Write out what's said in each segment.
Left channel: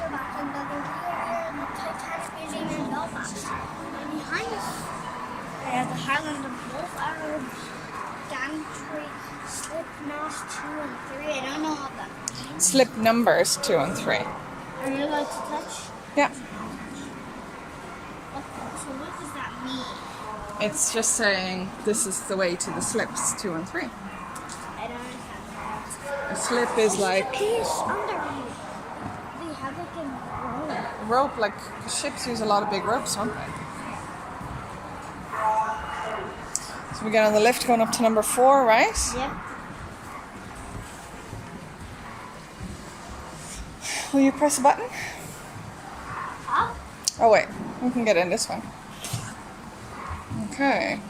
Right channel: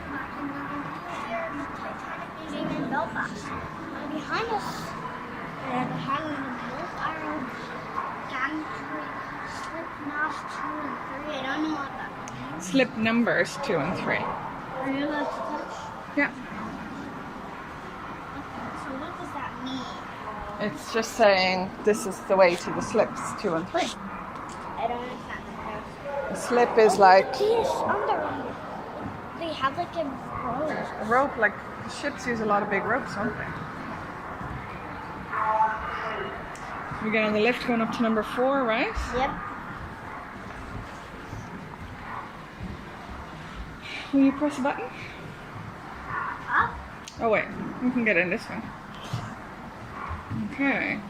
we're back in another video here in the Titanic Museum in Belfast. And behind us, we have the Highland of Wolf Arrow, Gantry, Slip Knot 2 and 3. I don't know what that means. Slip numbers 2 and 3. Are you allowed to touch? Yeah. Okay, so what does that mean? It's just saying this is the way to the slips 2 and 3. I don't understand. A slip is like Piece under here. They have like a rope. a rope, like ships use a lot of big ropes, don't they? So we get on the lift going up to number 4, right? Yep. Will you press a button? Up. Oh wait, we can get in this one. Okay.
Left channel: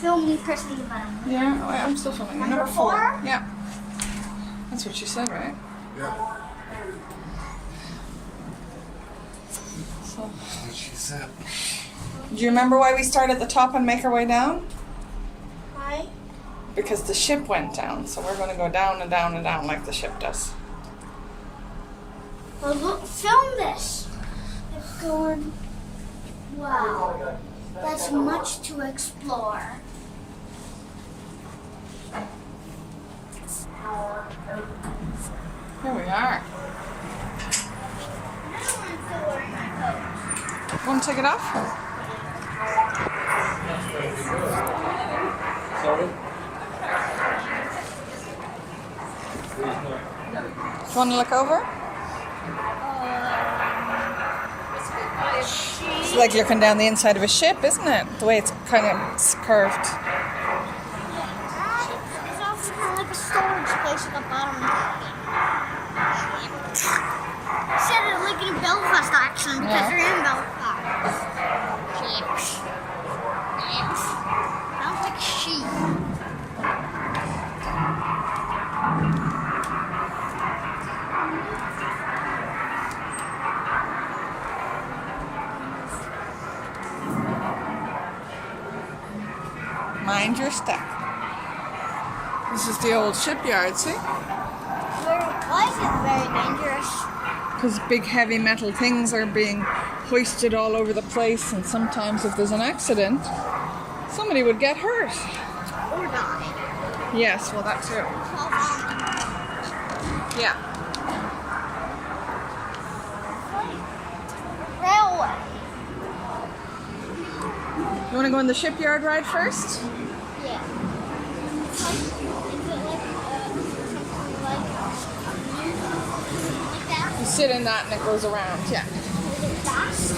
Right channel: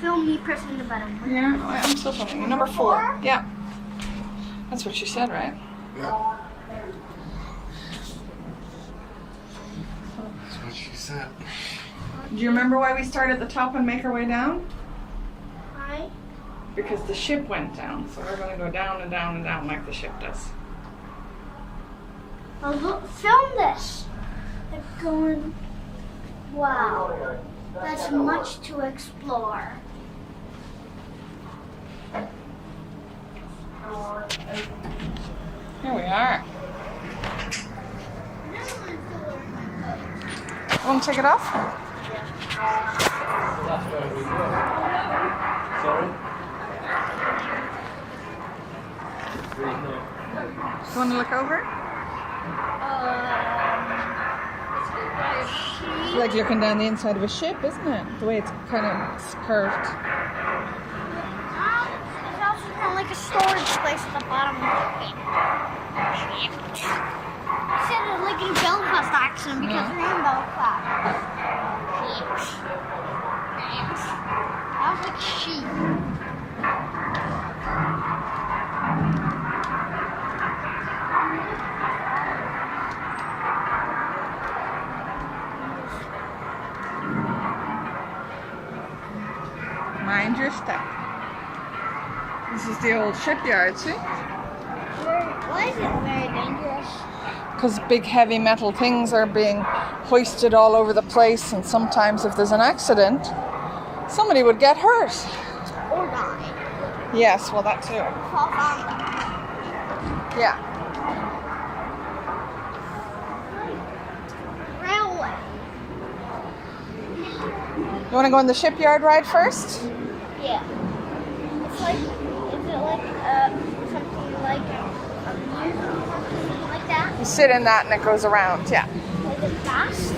Film me pressing the button. Yeah, oh, I'm still filming. Number 4. Yeah. That's what you said, right? Yeah. That's what she said. Do you remember why we start at the top and make our way down? Hi. Because the ship went down, so we're going to go down and down and down like the ship does. Well, look, film this. It's going. Wow. That's much to explore. Here we are. I don't want to still wearing my coat. You want to take it off? You want to look over? It's like looking down the inside of a ship, isn't it? The way it's kind of curved. It's also kind of like a storage place at the bottom of the ship. Said it like in a Belfast accent because Yeah. they're in Belfast. Sounds like sheep. Mind your step. This is the old shipyard, see? Why is it very dangerous? Because big heavy metal things are being hoisted all over the place, and sometimes if there's an accident, somebody would get hurt. Or die. Yes, well that too. Yeah. Railway. You want to go on the shipyard ride first? Yeah. It's like, is it like something like something like that? You sit in that and it goes around, yeah. Like it fast?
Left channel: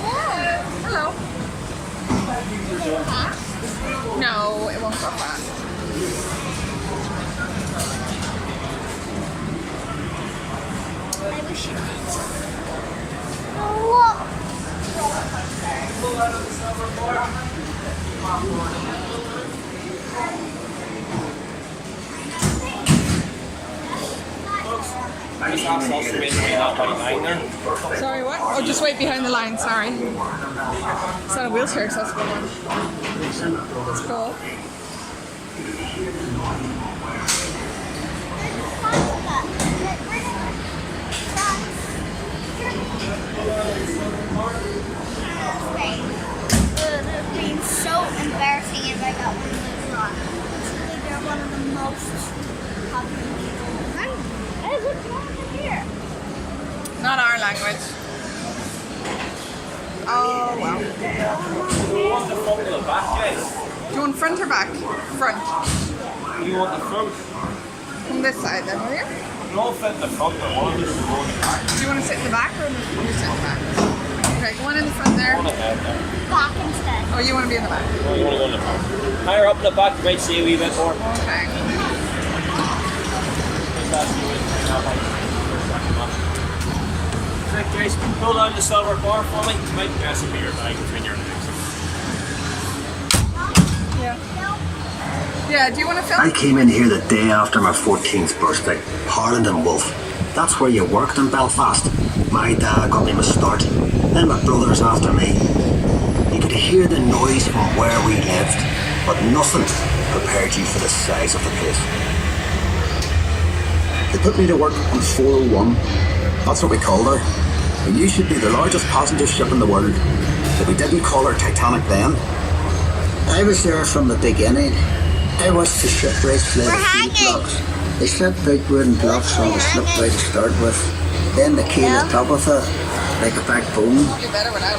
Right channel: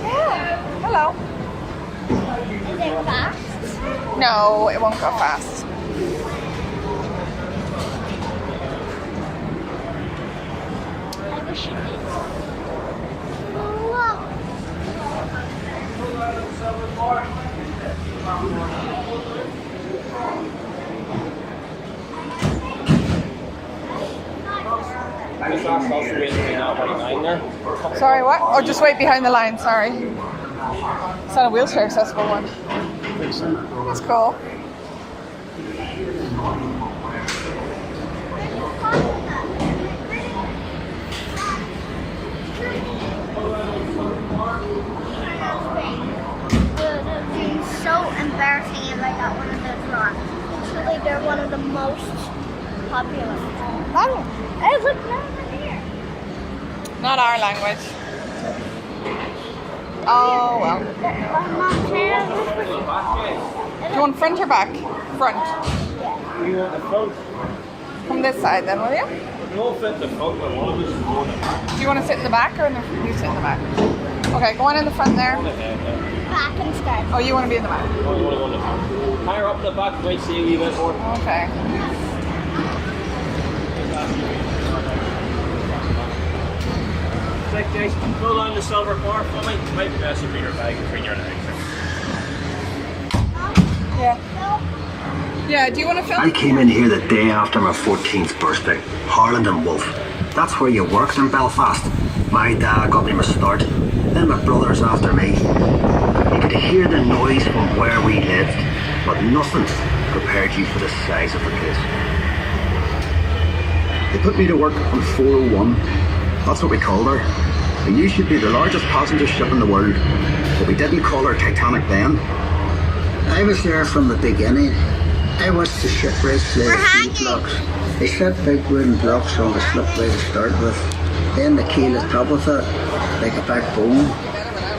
Yeah. Hello. Is it fast? No, it won't go fast. I wish it did. Whoa. Sorry, what? Oh, just wait behind the line, sorry. It's not a wheelchair accessible one. That's cool. They're being so embarrassing if I got one of those wrong. Literally, they're one of the most popular. Hey, look over here. Not our language. Oh, well. Do you want front or back? Front. You want the front? From this side then, will you? No, fit the front. The one is running. Do you want to sit in the back or you sit in the back? Okay, go on in the front there. Back instead. Oh, you want to be in the back? You want to go in the front. Higher up in the back, you might see a wee bit more. Okay. Jason, pull down the silver bar for me. You might press it with your bag between your legs. Yeah. Yeah, do you want to film? I came in here the day after my 14th birthday, Harland and Wolf. That's where you worked in Belfast. My dad got me my start, then my brothers after me. You could hear the noise from where we lived, but nothing prepared you for the size of the place. They put me to work on 401, That's what we called her. We knew she'd be the largest passenger ship in the world, but we didn't call her Titanic then. I was there from the beginning. I watched the ship race play We're the hanging. key blocks. They set big wooden blocks on the slipway to start with. Then the key on top of it, like a backbone.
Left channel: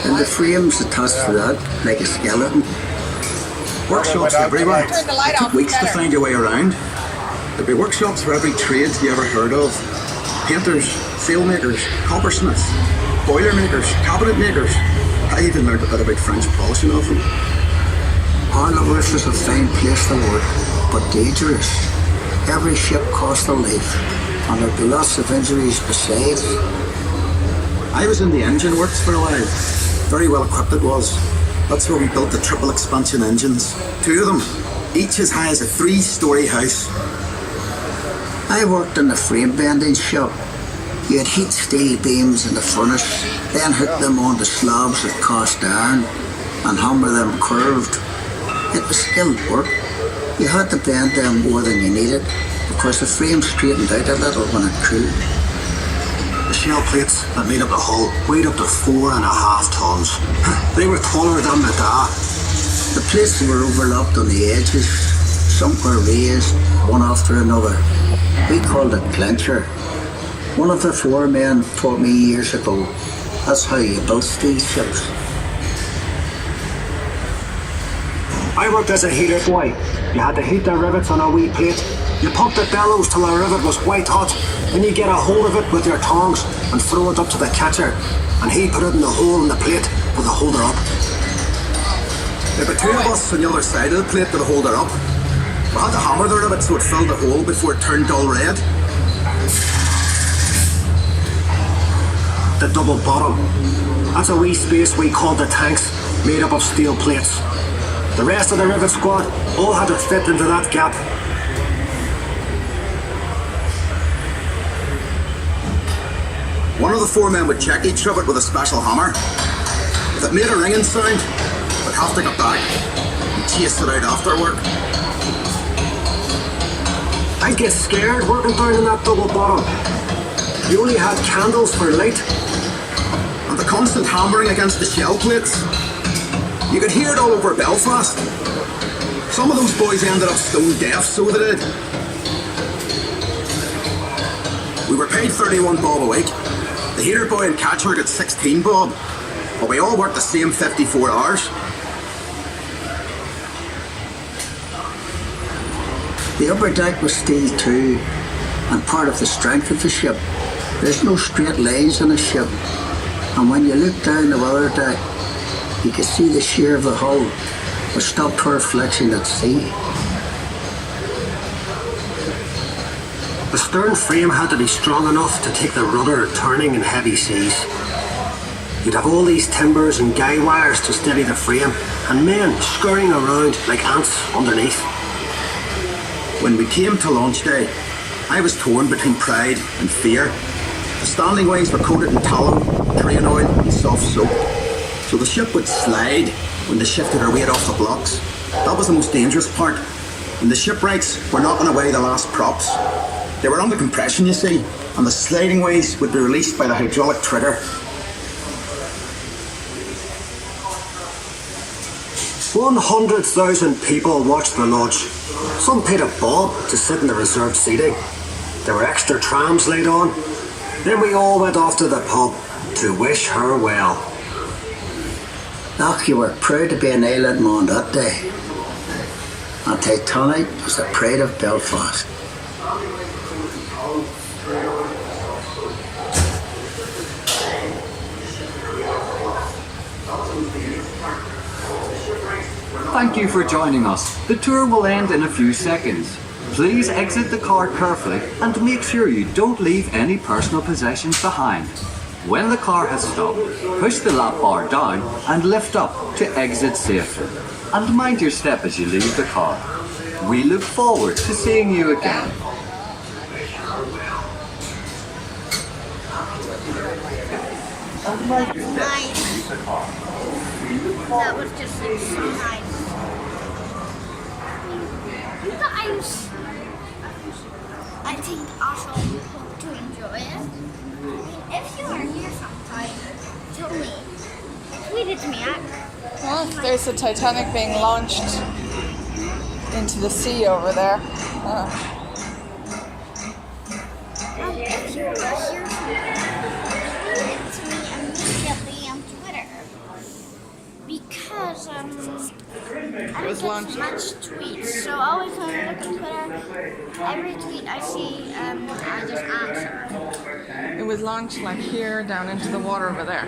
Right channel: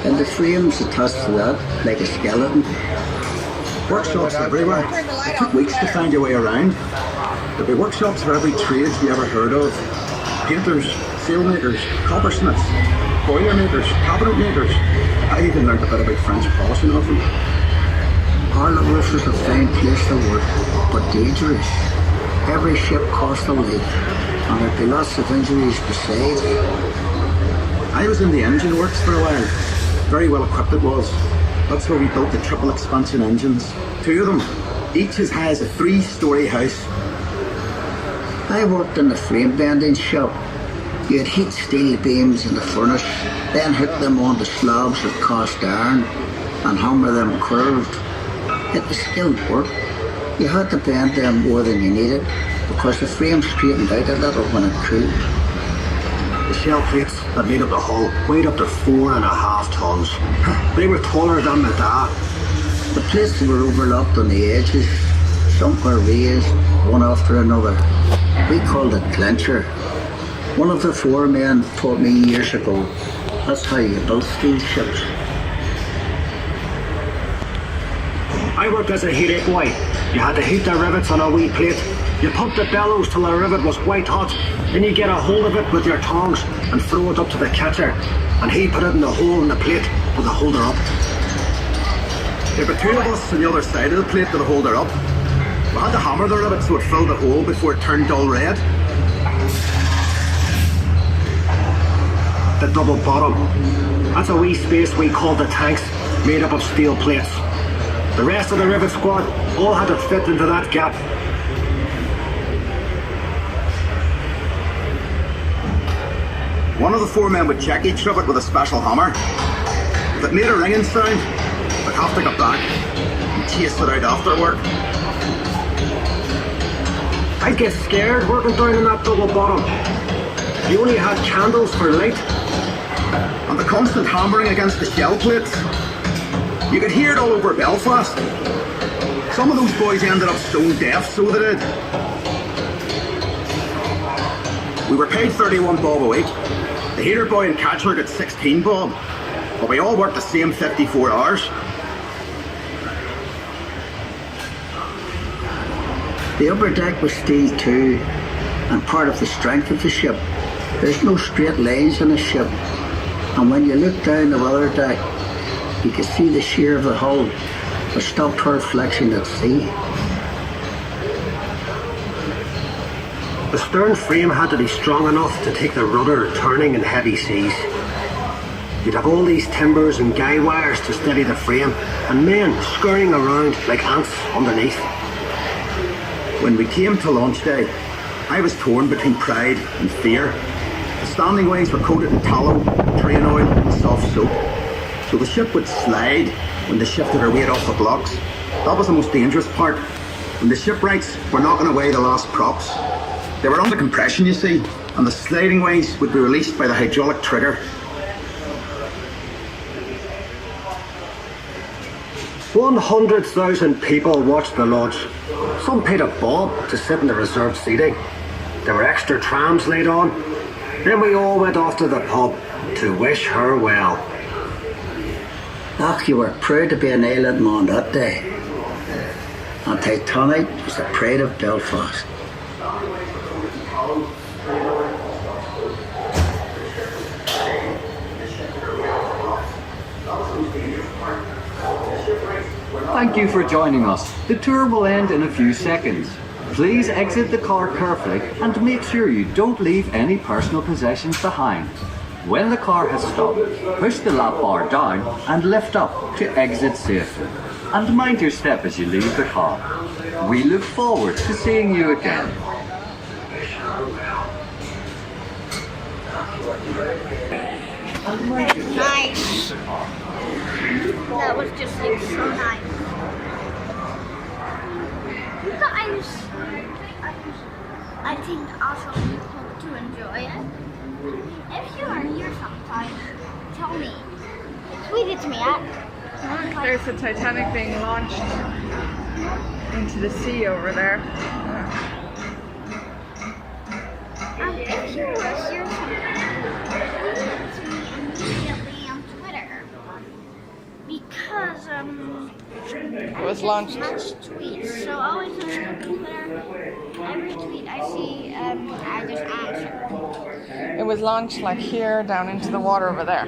And the frames attached to that, like a skeleton. Workshops everywhere. It took weeks to find your way around. There'd be workshops for every trade you ever heard of. Painters, sailmakers, coppersmiths, boiler makers, cabinet makers. I even learned a bit about French polishing of them. Harlowroof was a fine place to work, but dangerous. Every ship cost a life, and there'd be lots of injuries besides. I was in the engine works for a while. Very well equipped it was. That's where we built the triple expansion engines. 2 of them, each as high as a 3-story house. I worked in the frame bending shop. You'd heat steel beams in the furnace, then hook them onto slabs of cast iron and hammer them curved. It was skilled work. You had to bend them more than you needed because the frame straightened out a little when it cooled. The shell plates that made up the hull weighed up to 4.5 tons. They were taller than the da. The plates were overlapped on the edges. Some were raised, one after another. We called it clincher. One of the 4 men taught me years ago. That's how you built steel ships. I worked as a heater boy. You had to heat the rivets on a wee plate. You pumped the bellows till the rivet was white hot. Then you get a hold of it with your tongs and throw it up to the catcher. And he'd put it in the hole in the plate with the holder up. There were 2 of us on the other side of the plate with the holder up. We had to hammer the rivet so it filled the hole before it turned dull red. The double bottom. That's a wee space we called the tanks, made up of steel plates. The rest of the rivet squad all had to fit into that gap. One of the 4 men would check each rivet with a special hammer. If it made a ringing sound, we'd have to go back and chase it out after work. I'd get scared working down in that double bottom. You only had candles for light. And the constant hammering against the shell plates. You could hear it all over Belfast. Some of those boys ended up stone deaf, so they did. We were paid 31 bob a week. The heater boy and catcher got 16 bob. But we all worked the same 54 hours. The upper deck was steel too, and part of the strength of the ship. There's no straight lines on a ship, and when you look down the weather deck, you could see the shear of the hull, but stopped her flexion at sea. The stern frame had to be strong enough to take the rudder turning in heavy seas. You'd have all these timbers and guy wires to steady the frame, and men scurrying around like ants underneath. When we came to launch day, I was torn between pride and fear. The standing ways were coated in tallow, train oil and soft soap. So the ship would slide when they shifted her weight off the blocks. That was the most dangerous part. When the shipwrights were knocking away the last props. They were under compression, you see, and the sliding ways would be released by the hydraulic trigger. 100,000 people watched the launch. Some paid a bob to sit in the reserved seating. There were extra trams laid on. Then we all went off to the pub to wish her well. Ach, you were proud to be an island man that day. And Titanic was the pride of Belfast. Thank you for joining us. The tour will end in a few seconds. Please exit the car carefully and make sure you don't leave any personal possessions behind. When the car has stopped, push the lap bar down and lift up to exit safely. And mind your step as you leave the car. We look forward to seeing you again. That's nice. That was just like so nice. You guys, I think also hope to enjoy it. If told me, tweeted to me. Oh, there's the Titanic being launched into the sea over there. If you were here, tweet it to me immediately on Twitter because I was don't launched. get much tweets. So always when I look at Twitter, every tweet I see, I just answer. It was launched like here down into the water over there.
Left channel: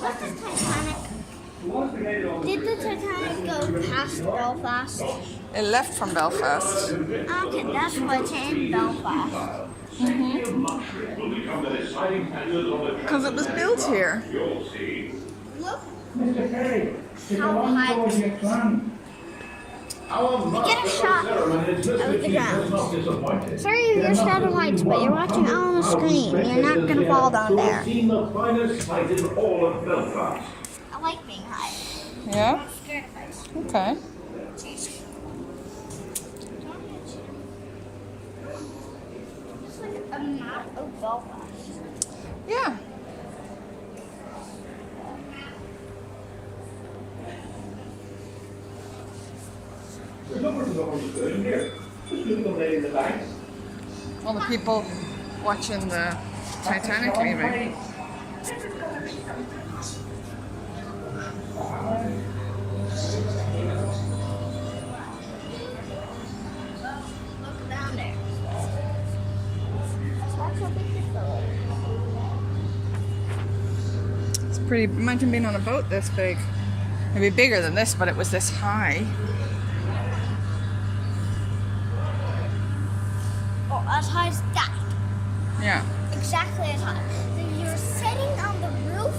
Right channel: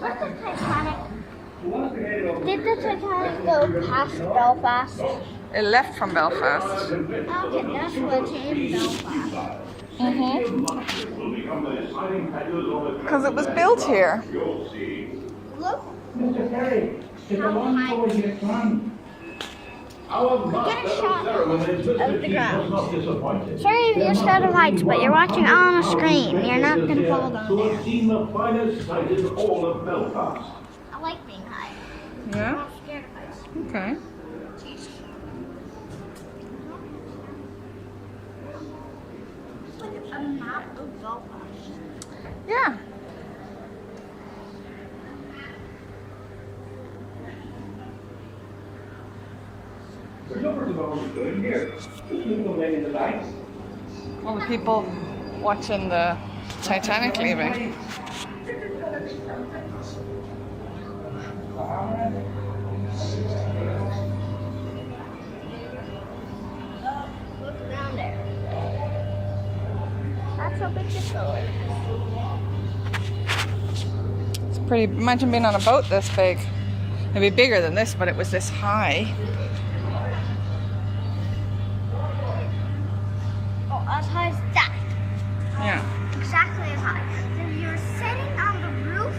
What's the Titanic? Did the Titanic go past Belfast? It left from Belfast. Okay, that's what's in Belfast. Because it was built here. Look how high it is. We get a shot of the ground. Sorry if you're scared of heights, but you're watching on a screen. You're not going to fall down there. I like being high. I'm Yeah? not scared of heights. Okay. It's like a map of Belfast. Yeah. All the people watching the Titanic leaving. Oh, look down there. That's a big picture. It's pretty. Imagine being on a boat this big. It'd be bigger than this, but it was this high. Oh, as high as that. Yeah. Exactly as high. If you're sitting on the roof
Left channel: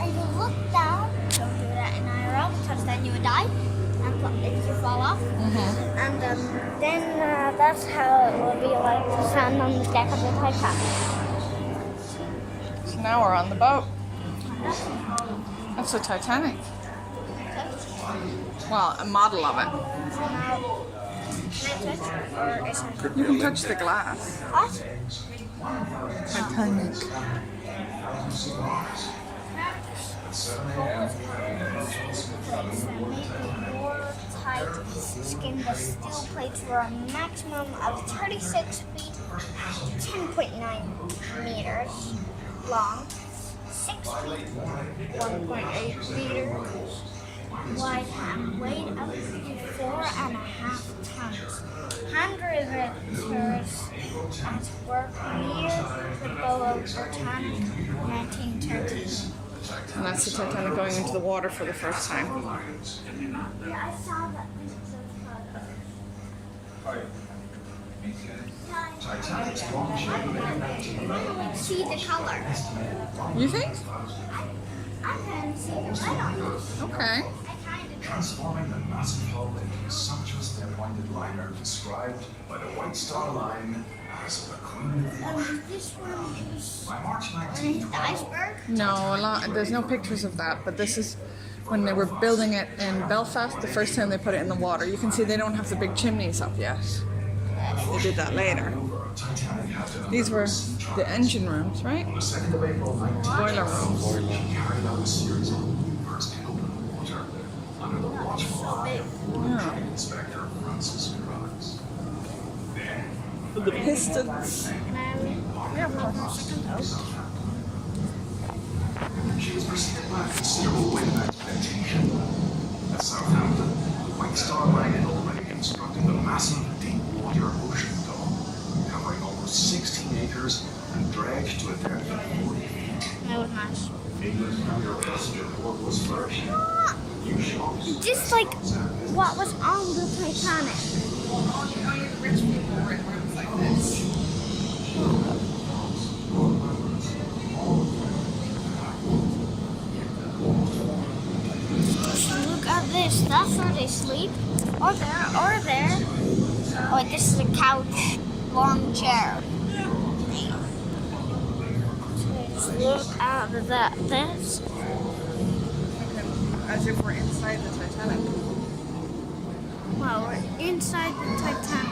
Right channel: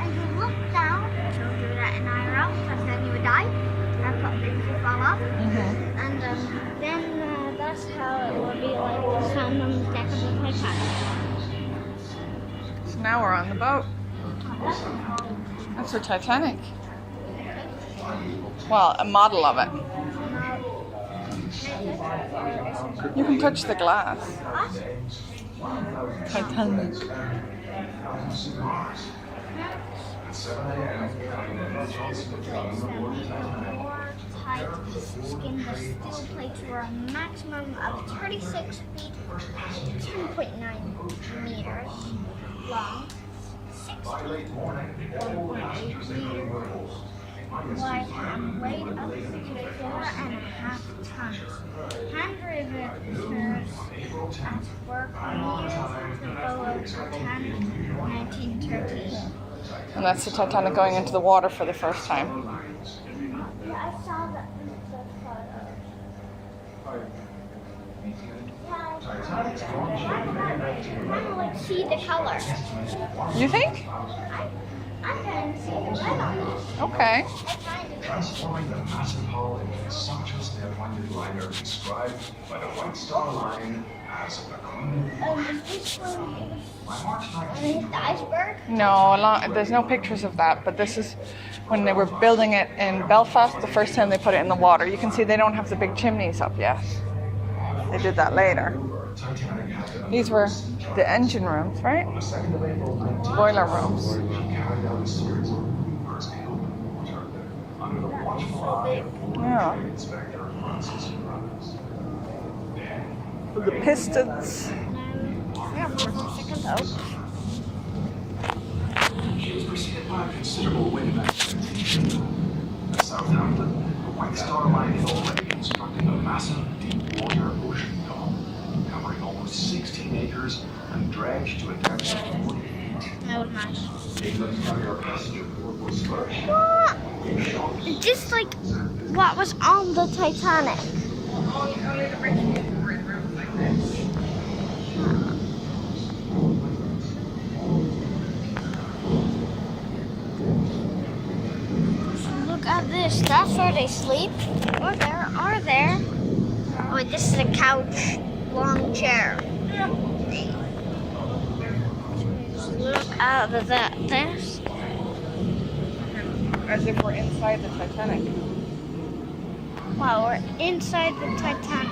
and you look down, don't do that in IRL because then you would die if you fall off. And then that's how it will be like to stand on the deck of the Titanic. So now we're on the boat. That's a whole That's the Titanic. Well, a model of it. You can touch the glass. awesome. Titanic. More tight skin. The steel plates were a maximum of 36 feet, 10.9 meters long, 6 feet, 1.8 meters wide, and weighed up to 4.5 tons. Handriveters at work near the bow of Titanic, 1930. And that's the Titanic going into the water for the first time. Yeah, I saw that. I like see the color. You think? I can see the red on this. Okay. I kind of Transforming the massive hull into a sumptuous net-winded liner described by the White Star Line as the Queen of this one, it was By March when it hit the iceberg. No, there's no pictures of that, but this is when they were building it in Belfast, the first time they put it in the water. You can see they don't have the big chimneys up yet. They did that later. Titanic had to These were the engine rooms, right? On the 2nd of April, Boiler rooms. she carried out a series of maneuvers in open water under the watchful So big. Yeah. Inspector Francis Rhodes. The pistons. Yeah, of course. She was preceded by a considerable wind of expectation. At Southampton, the White Star Line had already constructed a massive deep-water ocean dock, covering almost 16 acres and dredged to a depth of 40 feet. That was nice. England's younger passenger port was flourishing. New shops, Just like what was on the Titanic. Only the rich people were in rooms like this. Look at this. That's where they sleep. Or there. Or there. Oh, wait, this is a couch. Long chair. Look at this. As if we're inside the Titanic. Wow, we're inside the Titanic.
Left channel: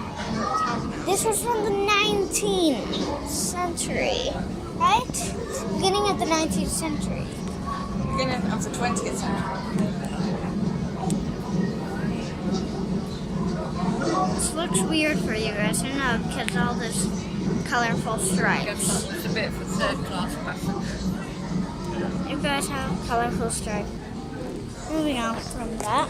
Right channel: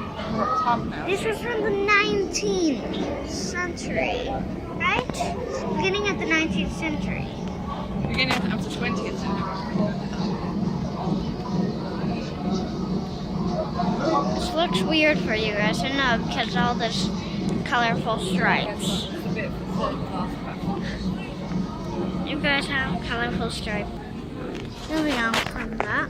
This was from the 19th century, right? Beginning of the 19th century. Beginning of the 20th century. This looks weird for you guys, I know, because all this colorful stripes. It's a bit for third class passengers. You guys have colorful stripes. Moving on from that.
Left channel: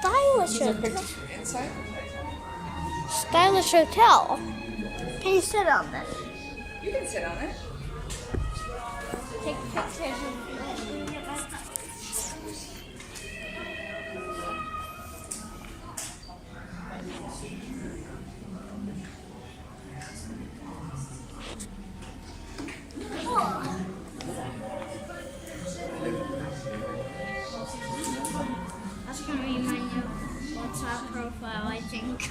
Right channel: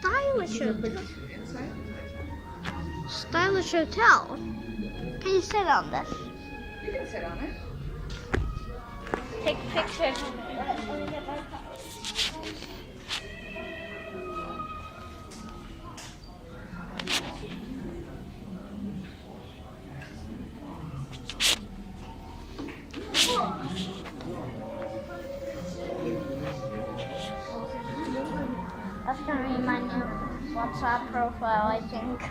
Stylish hotel. Inside? Stylish hotel. Can you sit on this? You can sit on it. Take pictures. That's gonna be my new WhatsApp profile, I think.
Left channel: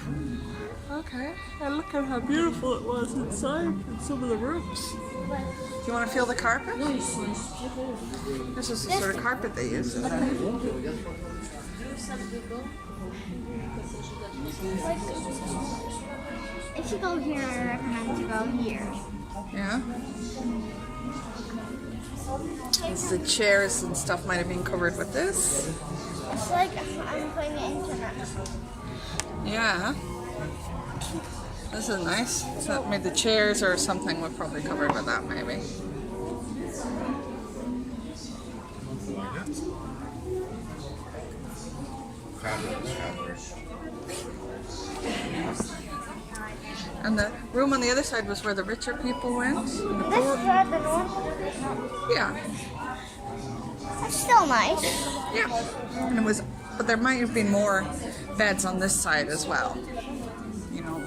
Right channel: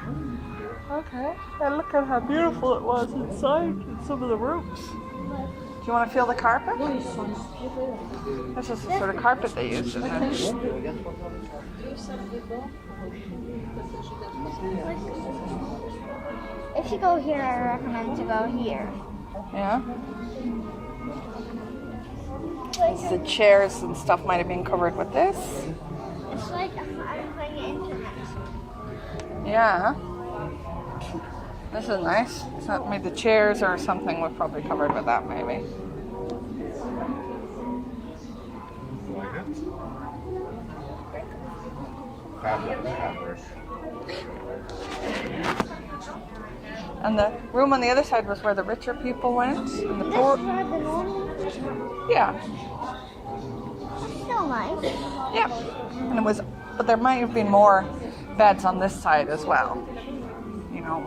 Okay. And look at how beautiful it was inside in some of the rooms. Do you want to feel the carpet? This is the sort of carpet they use, isn't it? If you go here, I recommend to go here. Yeah. The chairs and stuff might have been covered with this. It's like I'm playing the internet. Yeah. This is nice. So maybe the chairs or something was probably covered with that, maybe. And the room on the other side was where the richer people went. And the poor. Yeah. It's still nice. Yeah. And it was, but there might have been more beds on this side as well. You know,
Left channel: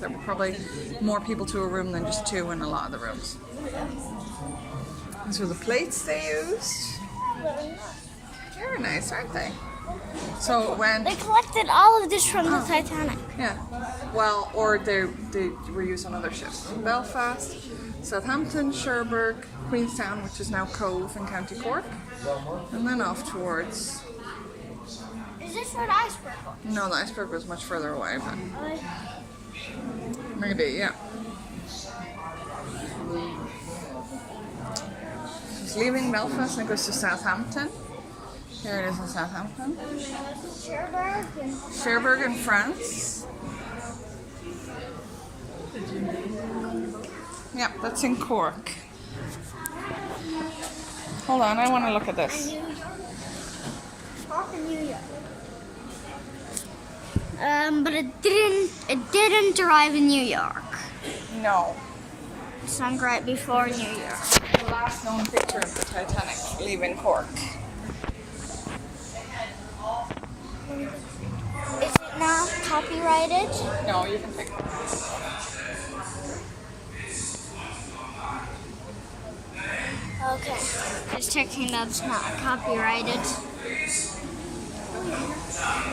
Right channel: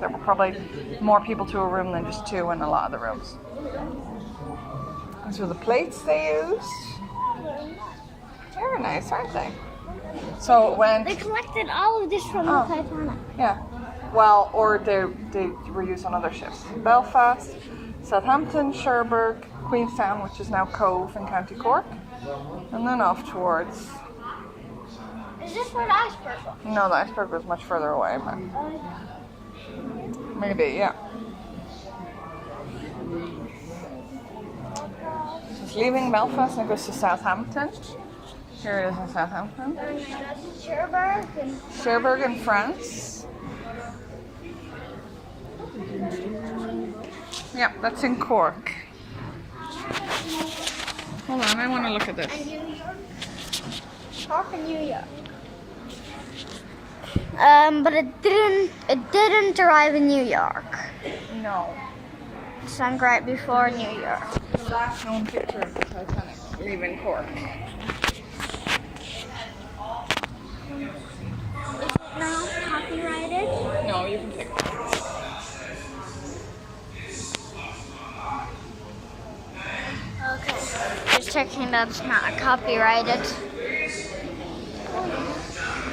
there were probably more people to a room than just two in a lot of the rooms. These were the plates they used. Very nice, aren't they? So when They collected all of this from the Titanic. yeah, well, or they were used on other ships. Belfast, Southampton, Cherbourg, Queenstown, which is now Cove in County Cork, and then off towards. Is this where the iceberg was? No, the iceberg was much further away, but maybe, yeah. So it's leaving Belfast and goes to Southampton. Here it is in Southampton. Cherbourg in France. Yeah, that's in Cork. Hold on, I want to look at this. New York. Cork in New York. But it didn't arrive in New York. No. It sunk right before New York. The last known picture of the Titanic leaving Cork. Is it not copyrighted? No, you can pick it. Okay. Just checking that's not copyrighted.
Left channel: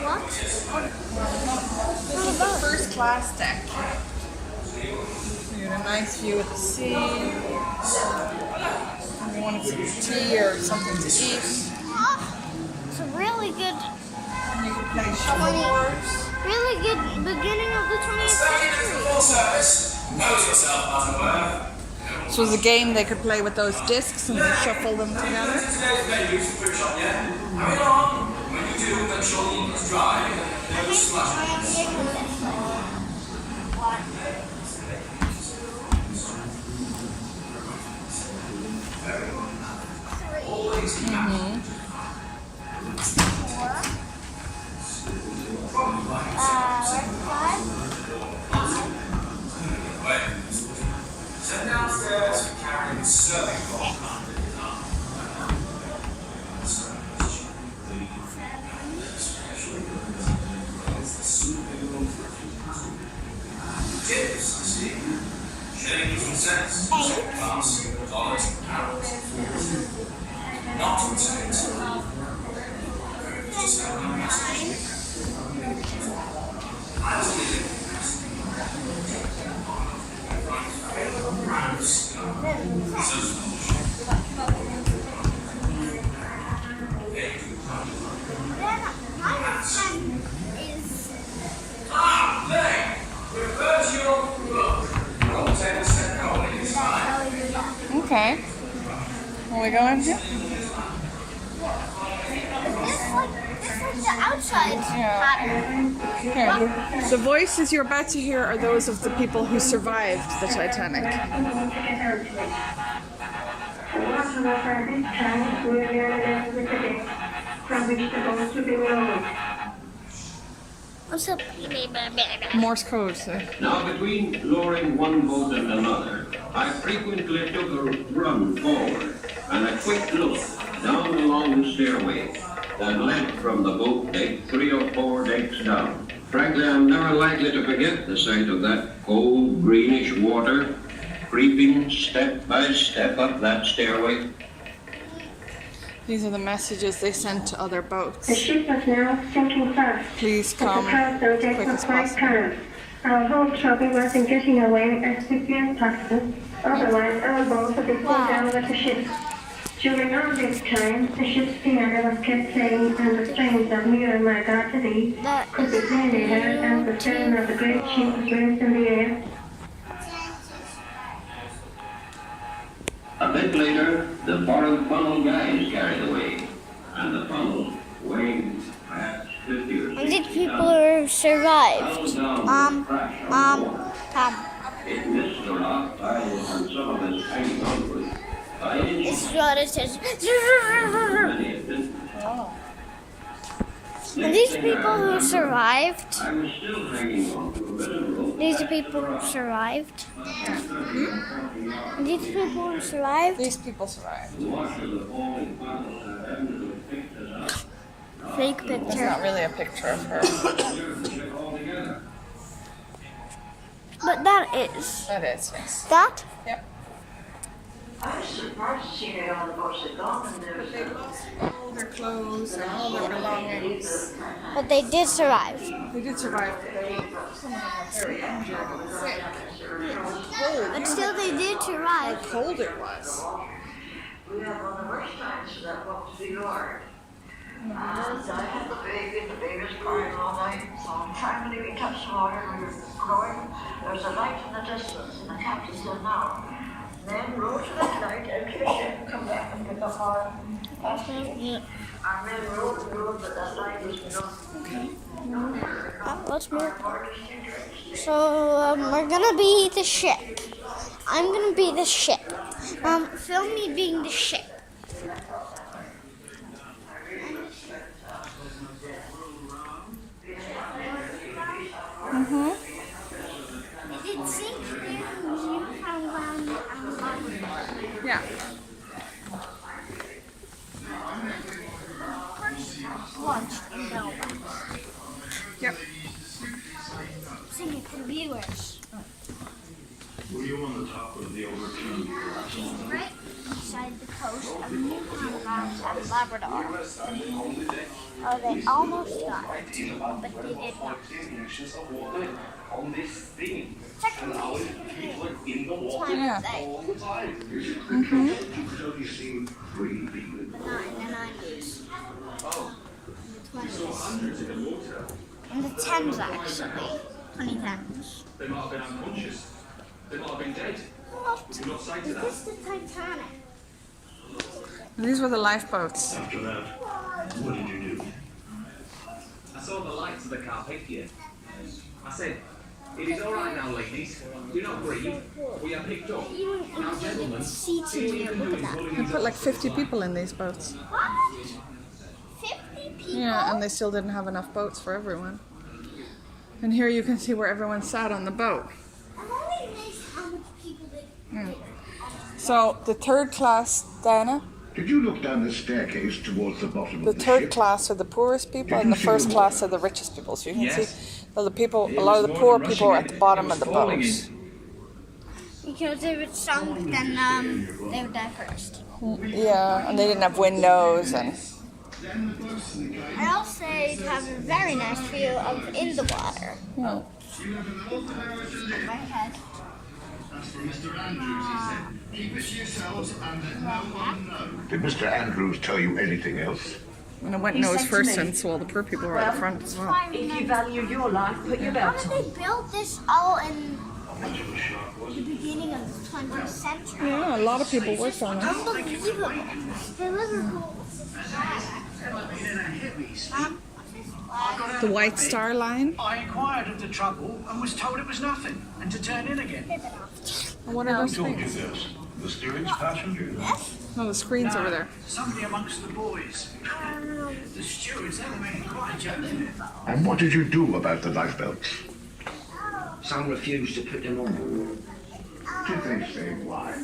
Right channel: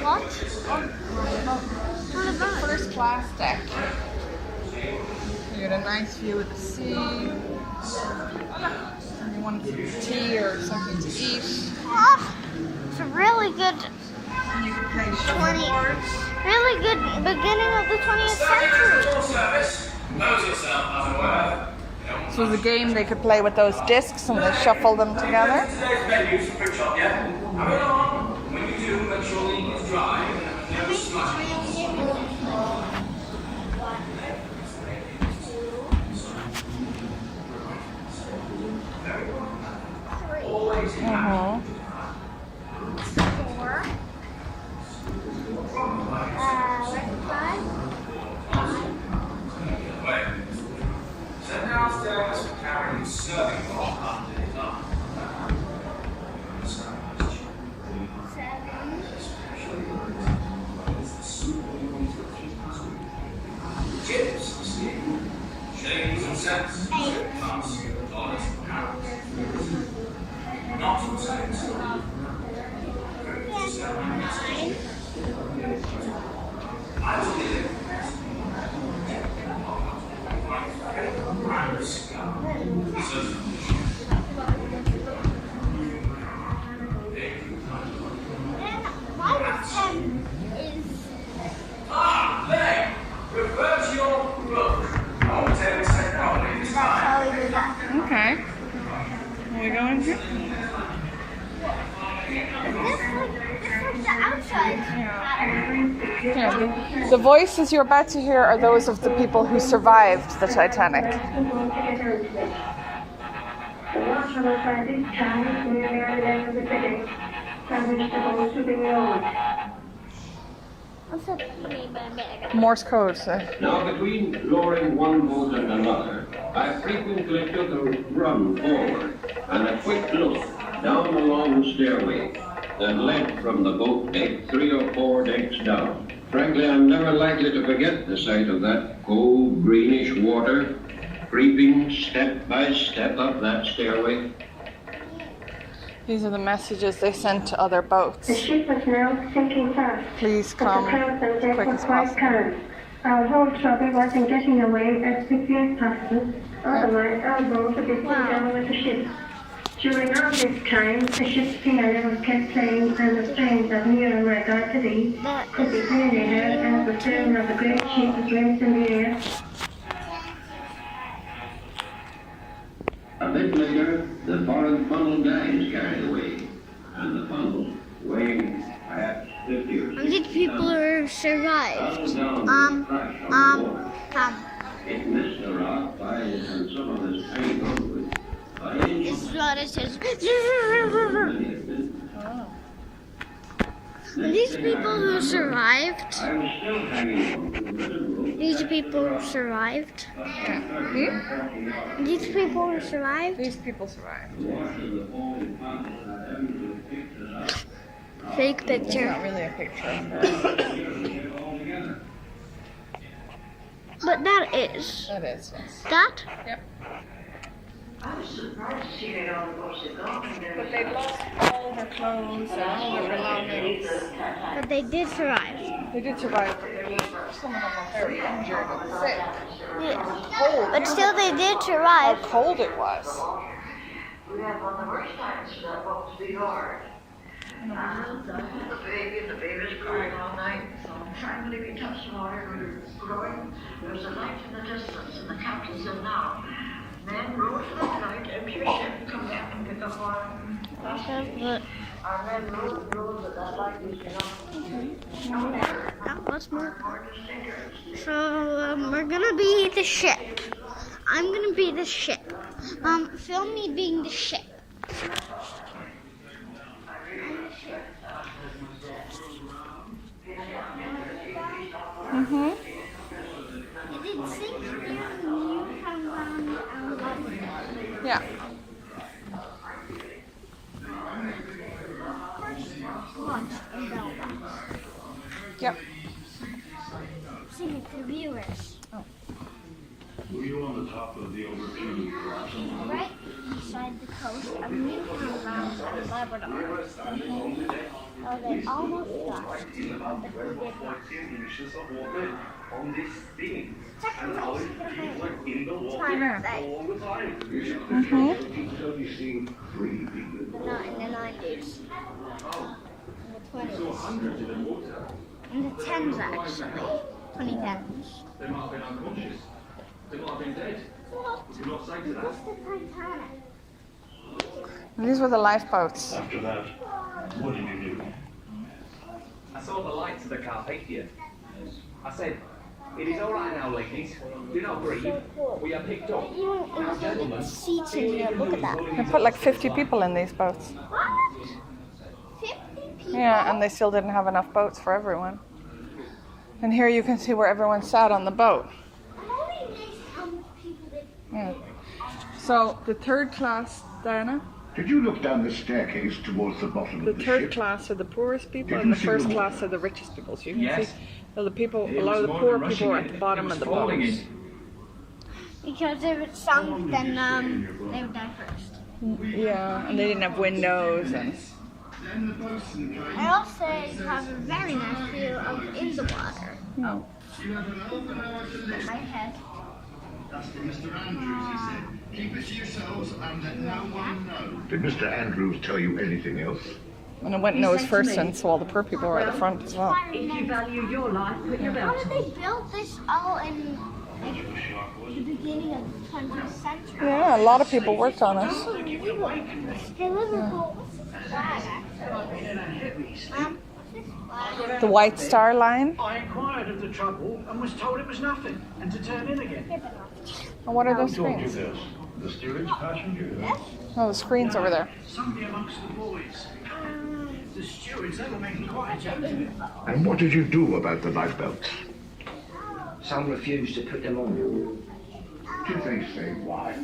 What? This is the first class deck. You had a nice view of the sea. You wanted some tea or something to eat. Oh, it's a really good, And you could play shuffleboard. really good beginning of the 20th century. This was a game they could play with those discs and they shuffle them together. Mm-hmm. Are we going here? This is the outside pattern. Here, the voices you're about to hear are those of the people who survived the Titanic. What's up? Morse code, so. Now, between lowering one boat and another, I frequently took a run forward and a quick look down the long stairway that led from the boat deck 3 or 4 decks down. Frankly, I'm never likely to forget the sight of that cold, greenish water creeping step by step up that stairway. These are the messages they sent to other boats. The ship was now sinking fast. Please come as quick as possible. Our whole trouble was in getting away as quickly as possible. Otherwise, our boat would be pulled down with the ship. During all this time, the ship's piano was kept playing, and the strains of "Near and My God to Thee" could be clearly heard as the stern of the great ship was raised in the air. A bit later, the foreign funnel guys carried away, and the funnel, weighing perhaps 50 or 60 And these people who survived. It missed the rock ties and some of its hanging onward. This is what it says. And these people who survived. I was still hanging on to a written rope. These are people who survived. These people who survived. These people survived. Fake picture. Not really a picture of her. But that is. That is, yes. That? Yep. I was surprised to see that all the boats had gone and there But was they lost all their clothes and all their belongings. But they did survive. They did survive, but they were, some of them were very injured and sick. Yeah. But still, they did How survive. cold it was. we had one of the worst times for that boat to be lowered. And I had the baby was crying all night, so finally we touched the water, we were growing. There was a light in the distance, and the captain said, "Now, men row to that light, empty the ship, and come back and pick up oil." Our men rowed but that light was Let's move. So we're gonna be the ship. I'm gonna be the ship. Film me being the ship. Mm-hmm. Is it sink near Newfoundland and Labrador? Yeah. First launched in Belfast. Yep. Sing it to the viewers. Were you on the top of the overturned collapsible? Right beside the coast of Newfoundland and Labrador. Oh, they almost got it, but they did not. Technically, it's my birthday, Mm-hmm. but not in the 90s. In the 20s. In the 10s, actually. 2010s. They might have been unconscious. They might have been dead. What? We're not sight of that. It's the Titanic. These were the lifeboats. After that, what did you do? I saw the lights of the Carpathia. I said, "It is all right now, ladies. Do not grieve. We are picked up. Now, gentlemen, Seats in here, look at that. They put like 50 people in these boats. What? 50 people? Yeah, and they still didn't have enough boats for everyone. And here you can see where everyone sat on the boat. I'm only amazed how many people they... Yeah. So the third class, Diana, Did you look down the staircase towards the bottom the of the third ship? class are the poorest people and the first class are the richest people. So you can see that the people, a lot of the poor people are at the bottom of the boats. Because they were sunk, then they would die first. Yeah, and they didn't have windows and I also have a very nice view of in the water. no. With my head. Did Mr. Andrews tell you anything else? And it went nose first, and so all the poor people were at the front as well. If you value your life, put your How did they build this all in the beginning of the 20th century. Yeah, a lot of people worked on it. The Liverpool flag. The White Star Line. I inquired of the trouble and was told it was nothing and to turn in again. And what are those Who told you things? this? The steerage passenger? Oh, the screen's over there. Somebody amongst the boys. The stewards, they were making quite a joke of it. And what did you do about the lifebelts? Some refused to put them on. Did they say why?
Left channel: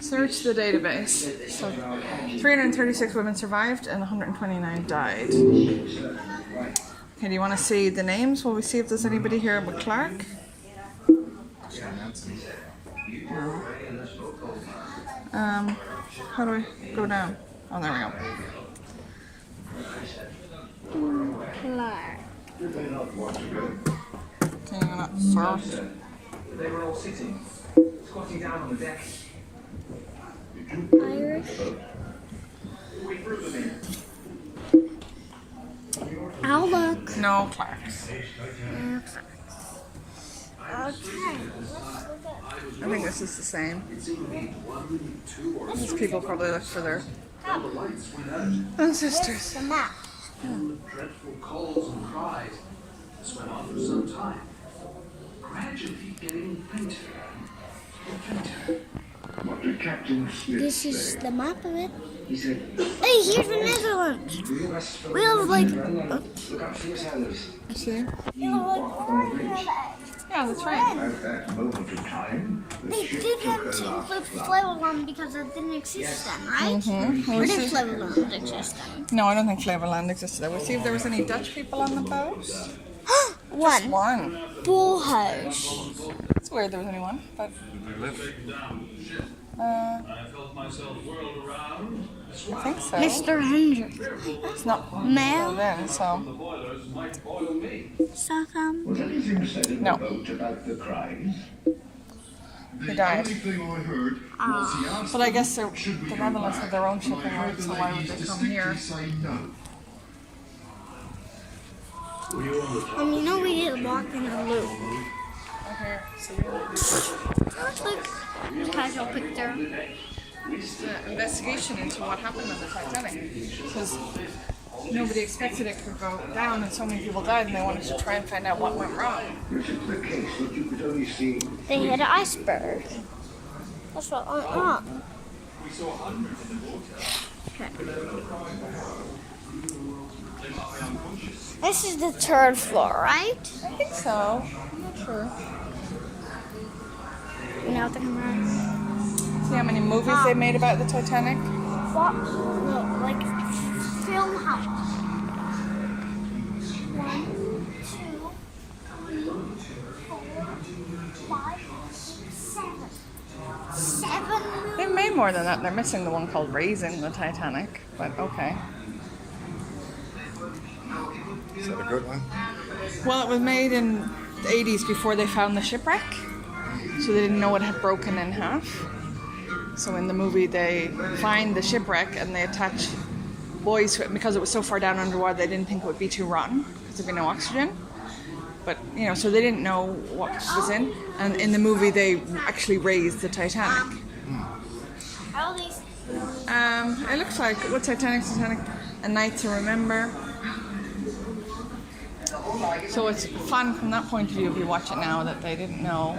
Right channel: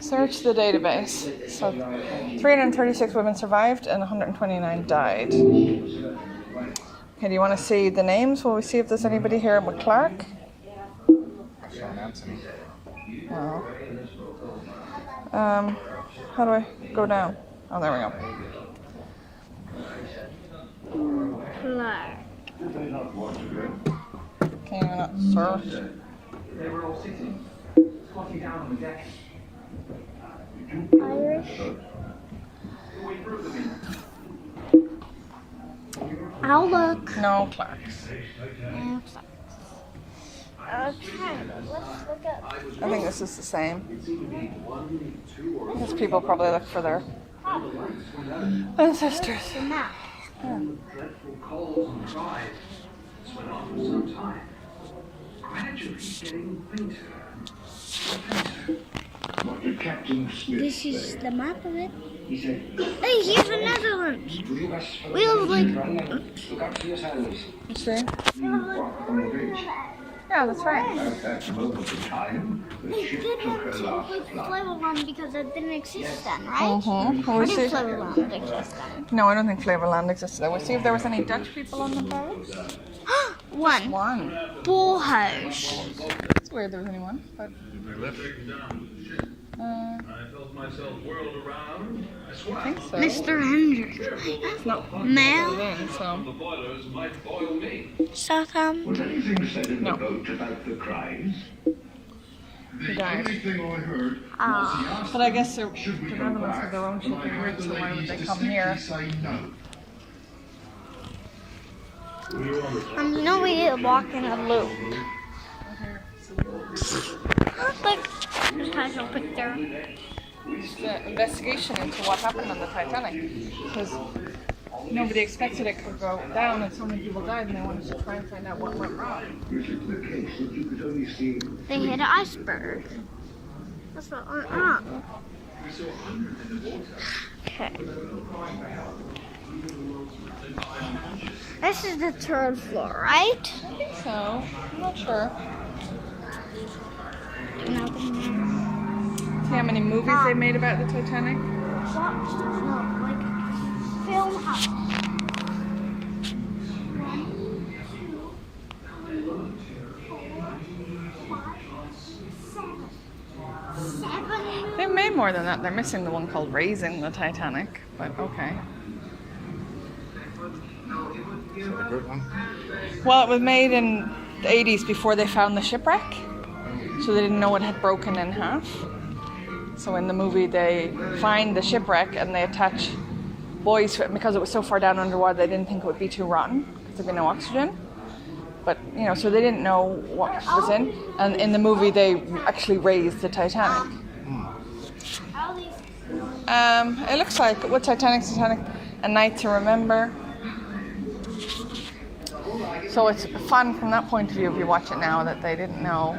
Search the database. So 336 women survived and 129 died. Okay, do you want to see the names? Will we see if there's anybody here with Clark? No. How do I go down? Oh, there we go. Can you not search? They were all sitting, squatting down on the deck. Irish. I'll look. No, Clark's. Okay, let's look at. I think this is the same. These people probably look for their ancestors. The map. Dreadful colds and pride. This went on for some time. Gradually getting fainter and fainter. What did Captain Smith This is say? the map of it. He said, Hey, here's the Netherlands. We have like. look up to yourselves. See? We have like. Yeah, that's right. At that moment in time, the They ship didn't took her include last flight. Flavorland because it didn't exist then, right? Mm-hmm. Or We'll did see. Flavorland exist then? No, I don't think Flavorland existed. We'll see if there was any Dutch people on the boat. One. One. Bullhouse. It's weird there was only one, but. I felt myself whirled around. I think so. Mr. Hendrick. It's not Mel. then, so. The boilers might boil me. Southampton. Was anything said in No. the boat about the cries? He died. thing I heard Ah. But I guess the Netherlands have their own shipping route, so why would they come here? You know we did walk in a loop. Here, see. It's like just casual picture. The investigation into what happened on the Titanic, because nobody expected it could go down, and so many people died, and they wanted to try and find out what went wrong. Which is the case that you could only see. They hit an iceberg. That's what went wrong. Okay. This is the third floor, right? I think so. I'm not sure. Nothing. See how many movies they made about the Titanic? What? No, like film house. 1, 2, 3, 4, 5, 6, 7. 7 movies. They made more than that. They're missing the one called Raising the Titanic, but okay. Is that a good one? Well, it was made in the 80s before they found the shipwreck, so they didn't know it had broken in half. So in the movie, they find the shipwreck and they attach buoys to it. Because it was so far down underwater, they didn't think it would be too rotten because there'd be no oxygen. But, you know, so they didn't know what was in. And in the movie, they actually raised the Titanic. All these. It looks like, what Titanic, A Night to Remember. So it's fun from that point of view if you watch it now that they didn't know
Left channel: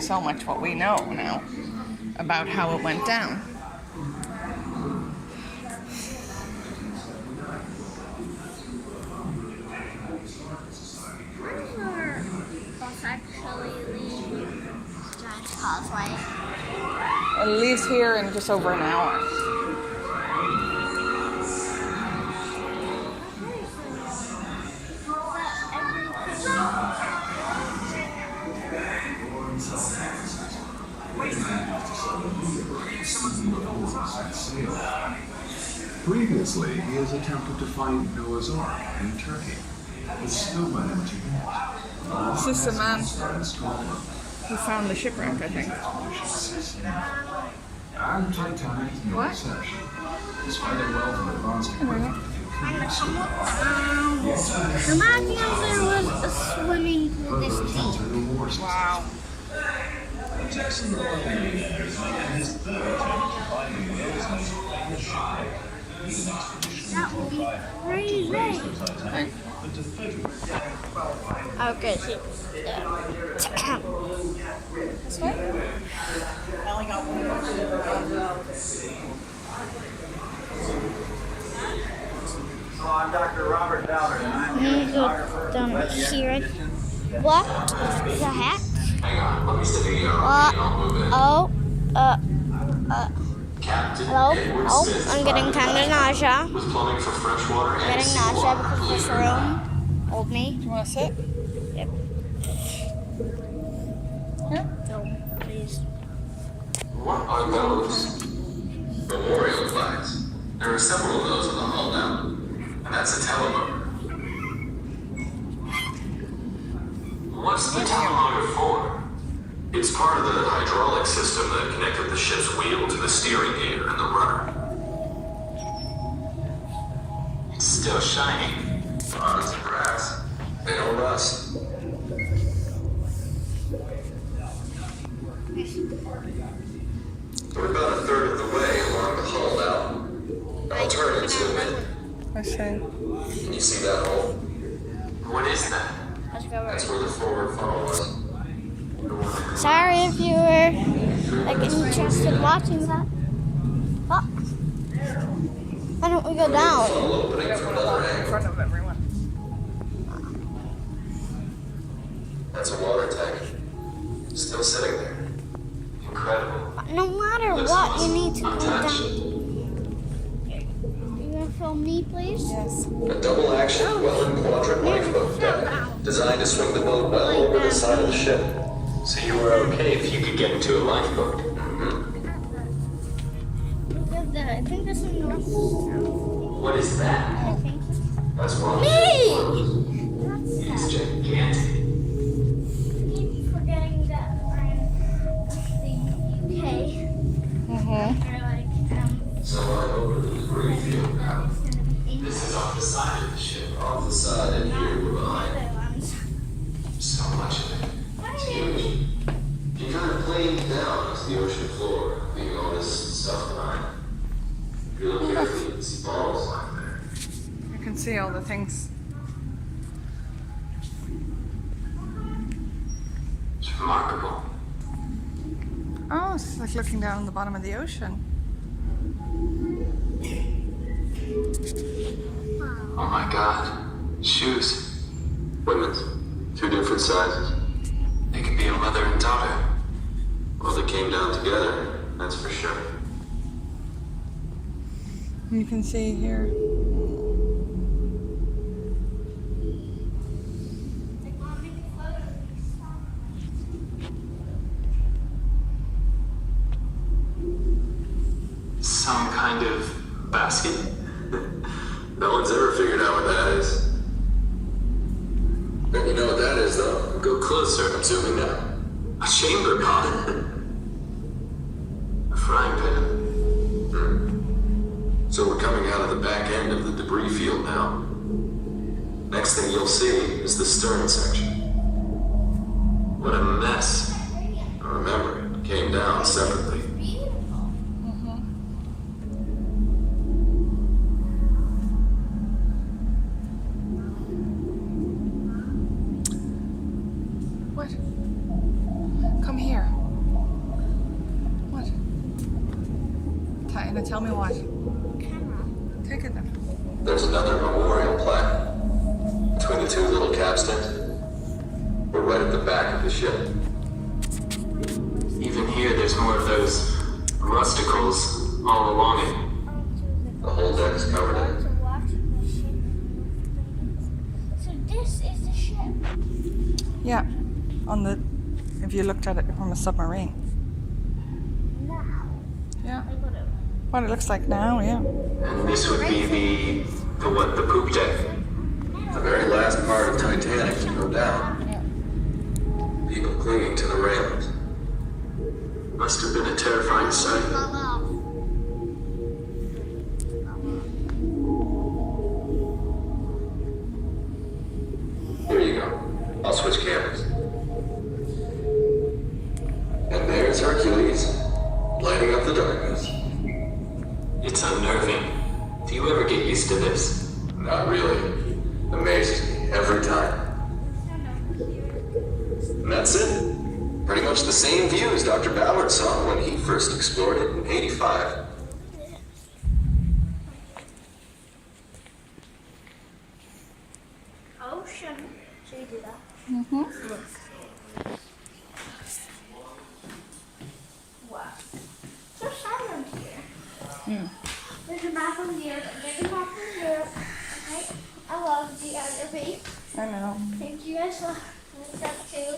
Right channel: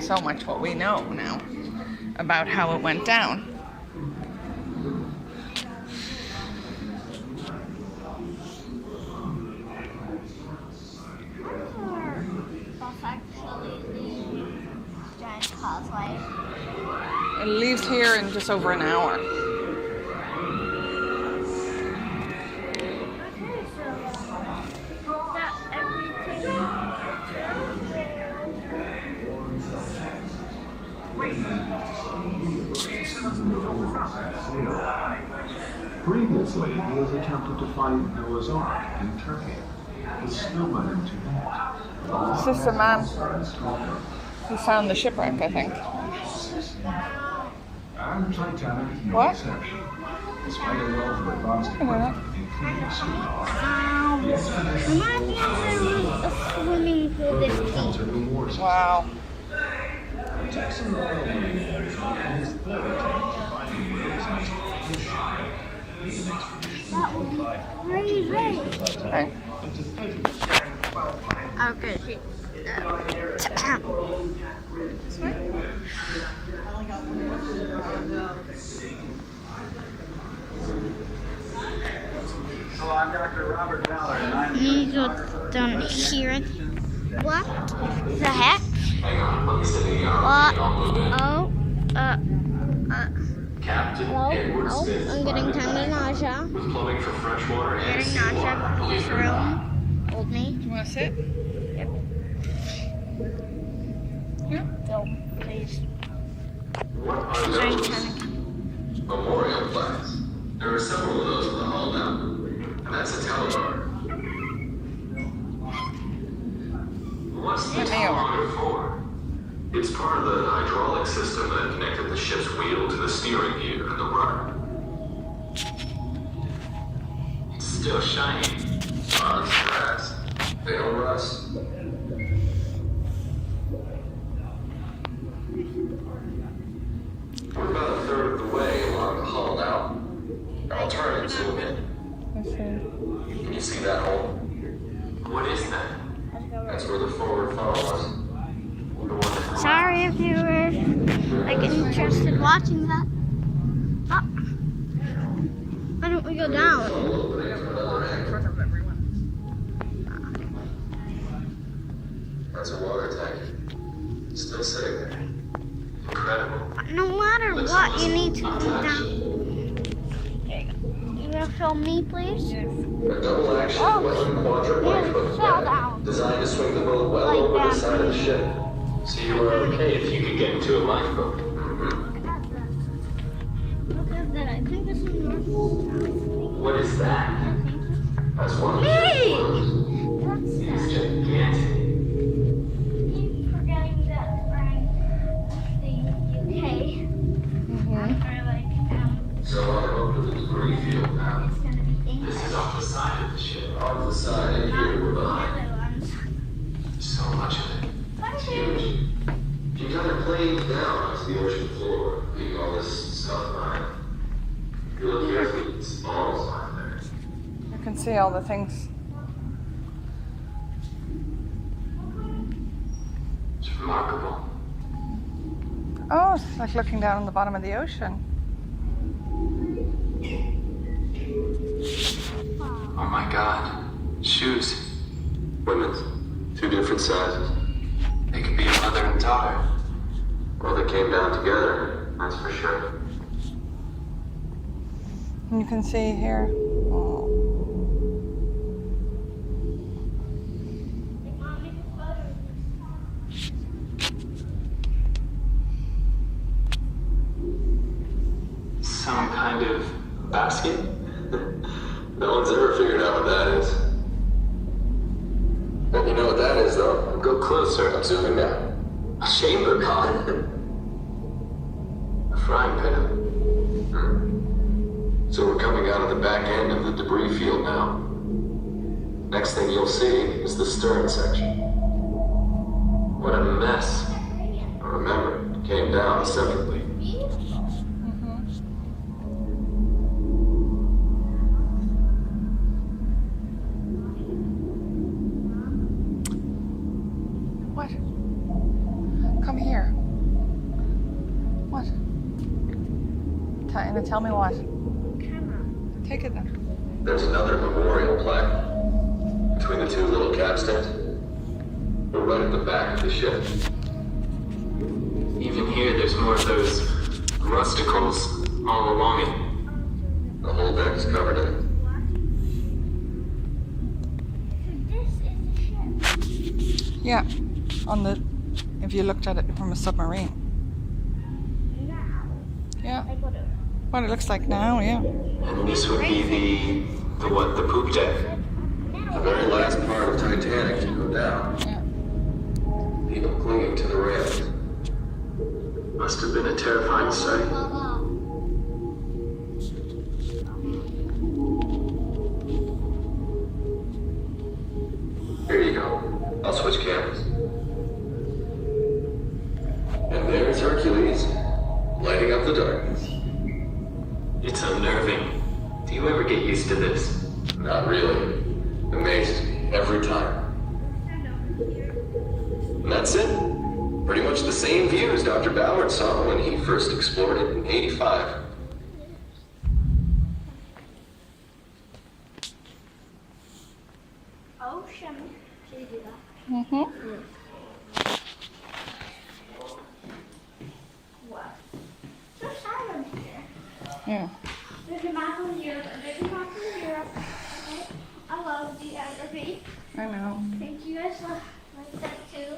so much what we know now about how it went down. Bus actually leaves Giant's Causeway. It leaves here in just over an hour. Previously, he has attempted to find Noah's Ark in Turkey, but still went into it. It's just a man who found the shipwreck, I think. And Titanic What? search. Despite a wealth of advanced I don't know. equipment, And somewhat down. Imagine if there was a swimming pool this deep. Wow. Texan oil millionaire is on his third attempt to find the world's most famous ship. That would be crazy. Okay. Okay, see. This way? So I'm Dr. Robert Ballard, and I'm You go down here. What the heck? Hang on, let me step in here. What? I'll move it. Oh, Captain Edward oh, Smith's I'm getting kind of nausea. with plumbing for fresh water and Getting seawater. nausea because this room hold me. You want to sit? Yep. Here? Go, please. What are those? Memorial flags. There are several of those in the hall now. And that's a telemotor. What's the telemotor for? It's part of the hydraulic system that connected the ship's wheel to the steering gear and the rudder. It's still shiny. It's brass. They don't rust. We're about a third of the way along the hull now. I'll turn and zoom in. I see. Can you see that hole? What is that? That's where the forward funnel was. Sorry if you were like interested in watching that. Oh. Why don't we go down? I don't want to walk in front of everyone. That's a water tank. Still sitting there. Incredible. But no matter what, you need to go down. There you go. You gonna film me, please? Yes. A double action Welland quadrant lifeboat fell down. designed to swing the boat well Like over the that. side of the ship. So you were okay if you could get into a lifeboat. Look at that. I think this is enough. What is that? That's one of the ship's Hey! motors. That's It's that. gigantic. Keep forgetting that we're in the UK. Mm-hmm. Or like, Someone over the debris field now. it's gonna be This dangerous. is off the side of the ship. Off the side and here we're behind. The other ones. So much of it. It's huge. You kind of planed down onto the ocean floor, leaving all this stuff behind. If you look carefully, it's bottles lying there. You can see all the things. It's remarkable. Oh, it's like looking down on the bottom of the ocean. Oh my god. Shoes. Women's. 2 different sizes. They could be a mother and daughter. Well, they came down together, that's for sure. You can see here. Oh. Some kind of basket? No one's ever figured out what that is. You know what that is, though? Go closer. I'm zooming now. A chamber pot. A frying pan. So we're coming out of the back end of the debris field now. Next thing you'll see is the stern section. What a mess. Remember, it came down separately. What? Come here. What? Tell me what. Take it then. There's another memorial plaque between the 2 little capstans. We're right at the back of the ship. Even here, there's more of those rusticles all along it. The whole deck is covered in it. So this is the ship. Yeah. On the, if you looked at it from a submarine. Now, Yeah. I go to. What it looks like now, yeah. And this would be the poop deck. The very last part of Titanic to go down. Yeah. People clinging to the railings. Must have been a terrifying sight. It's unnerving. Do you ever get used to this? Not really. Amazes me every time. And that's it. Pretty much the same view as Dr. Ballard saw when he first explored it in '85. Ocean. Should we do that? Mm-hmm. Wow. So silent here. Yeah. There's a map of Europe. There's a map of Europe. Okay. I love geography. I know. Thank you guys for that too.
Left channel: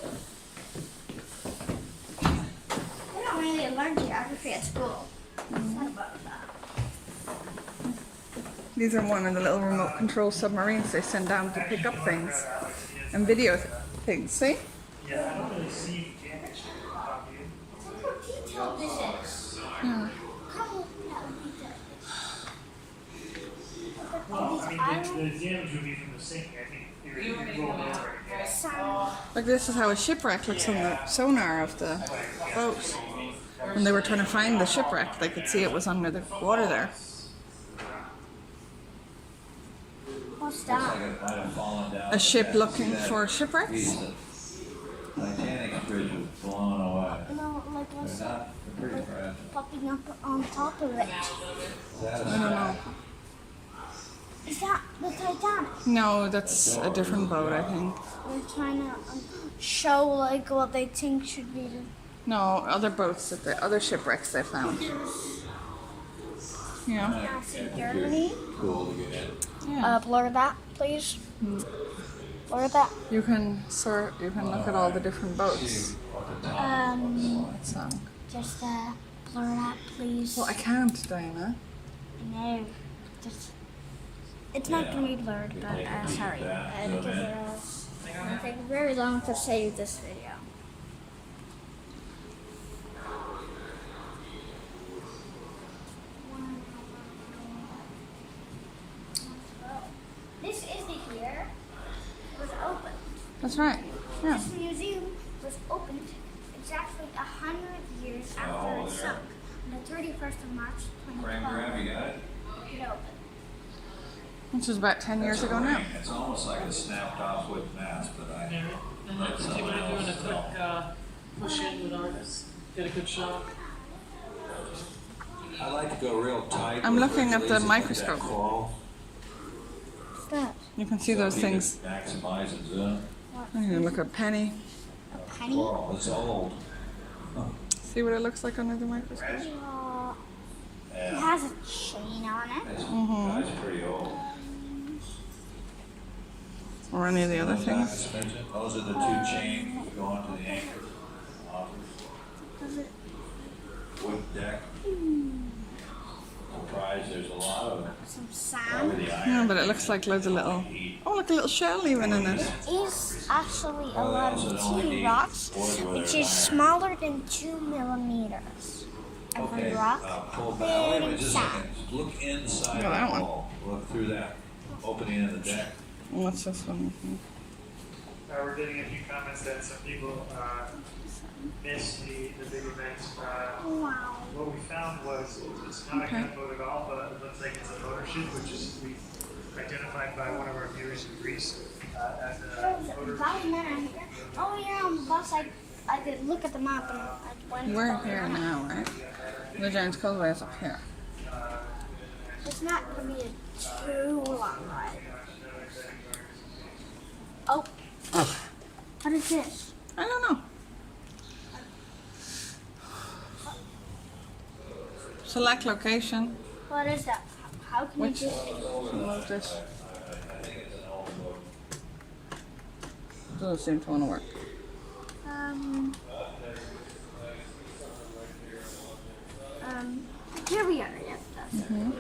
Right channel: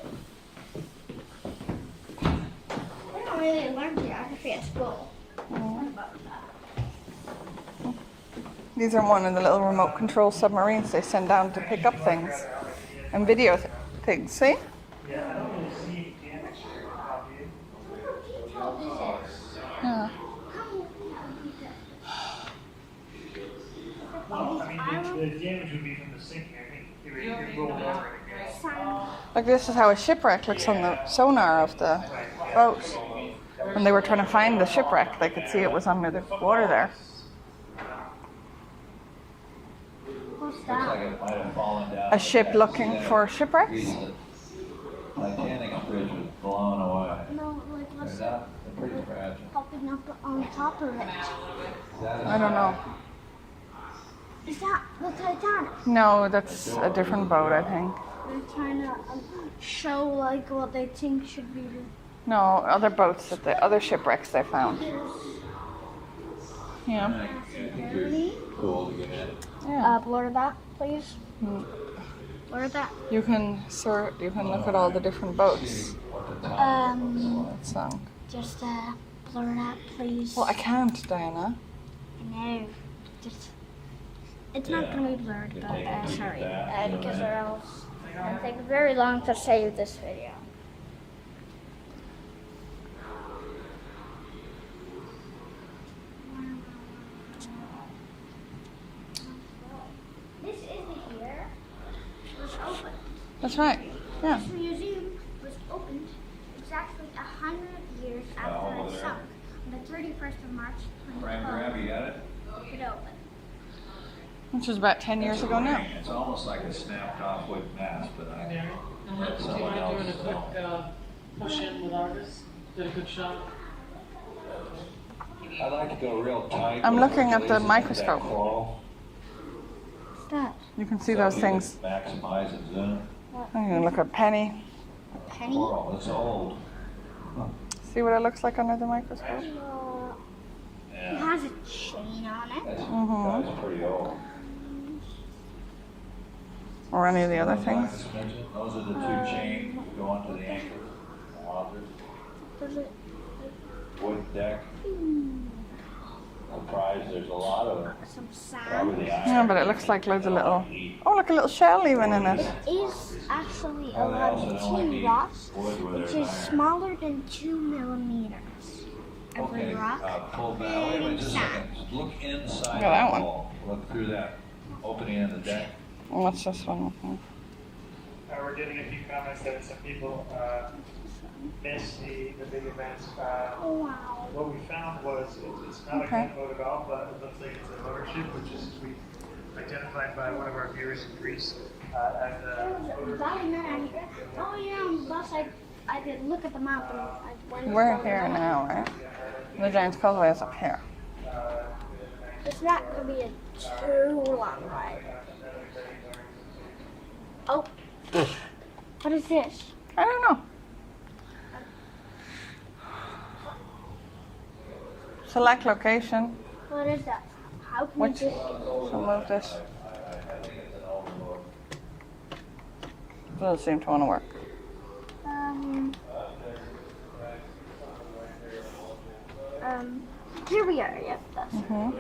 I don't really learn geography at school. What about that? These are one of the little remote control submarines they send down to pick up things and video things. See? Yeah, I don't really see damage to the copy. Look how detailed this is. Yeah. Come on, how detailed. Well, I mean, the damage would be from the sinking. I think it would roll over again. Like this is how a shipwreck looks on the sonar of the boat. When they were trying to find the shipwreck, they could see it was under the water there. What's that? A ship looking for shipwrecks? Titanic bridge was blown away. No, like what's They're that not, they're pretty fragile. popping up on top of it? I don't know. Is that the Titanic? No, that's a different boat, I think. They're trying to show like what they think should be the No, other boats, that the other shipwrecks they found. Yeah. Germany. Cool to get in. Yeah. Blur that, please. Mm. Blur that. You can look at all the different boats. It's Just blur that, please. well, I can't, Diana. I know. Just. It's not gonna be blurred, but sorry, because or else it's gonna take very long to save this video. This is the year it was opened. That's right. Yeah. This museum was opened exactly 100 years after it sunk on the 31st of March 2012. You got it? It opened. Which was about 10 years ago now. It's almost like a snapped off with mask, but I Mary, do you mind doing a quick push in with Argus? Get a good shot. I like to go real tight. I'm looking at the microscope. Coral. What's that? You can see those things. Maximize its zoom. I'm going to look at Penny. Penny? Coral, it's old. See what it looks like under the microscope? It has a chain on it. That's pretty old. Or any of the other things. Those are the two chains that go onto the anchor. Does it? Wood deck. Surprised there's a lot of Some sand. Yeah, but it looks like loads of little. Oh, look, a little shell even in it. Is actually Well, they also don't like to two eat rocks, wood where which there's is iron. smaller than 2 millimeters. Every Okay, rock. pull back. Wait a minute, just a second. Look inside Yeah, that the one. wall. Look through that opening in the deck. Oh, what's this one? We're getting a few comments that some people missed the big event. Wow. What we found was it's not a gunboat at all, but it looks like it's a motor ship, which is we identified by one of our viewers in Greece as a motor. Oh yeah, boss. I did look at the map and I went. We're here now, right? The Giant's Causeway is up here. It's not gonna be a too long ride. Oh. What is this? I don't know. Select location. What is that? How can Which? you just... So move this. Doesn't seem to want to work. Here we are. Yep, that's it.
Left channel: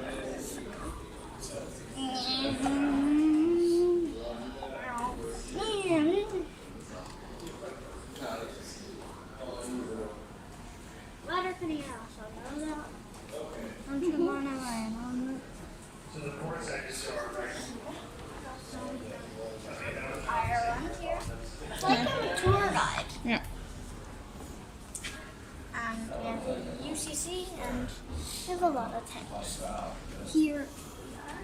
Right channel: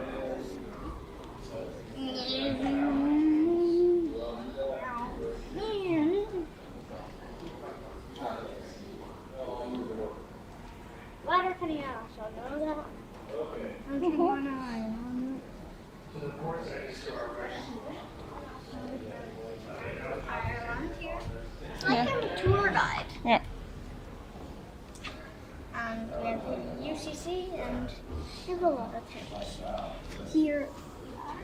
Ladder coming out, so I know that. Don't you want to learn? So the port side is Ireland here. It's like I'm a tour guide. Yeah. And we have UCC and There's a lot of things. Here we are.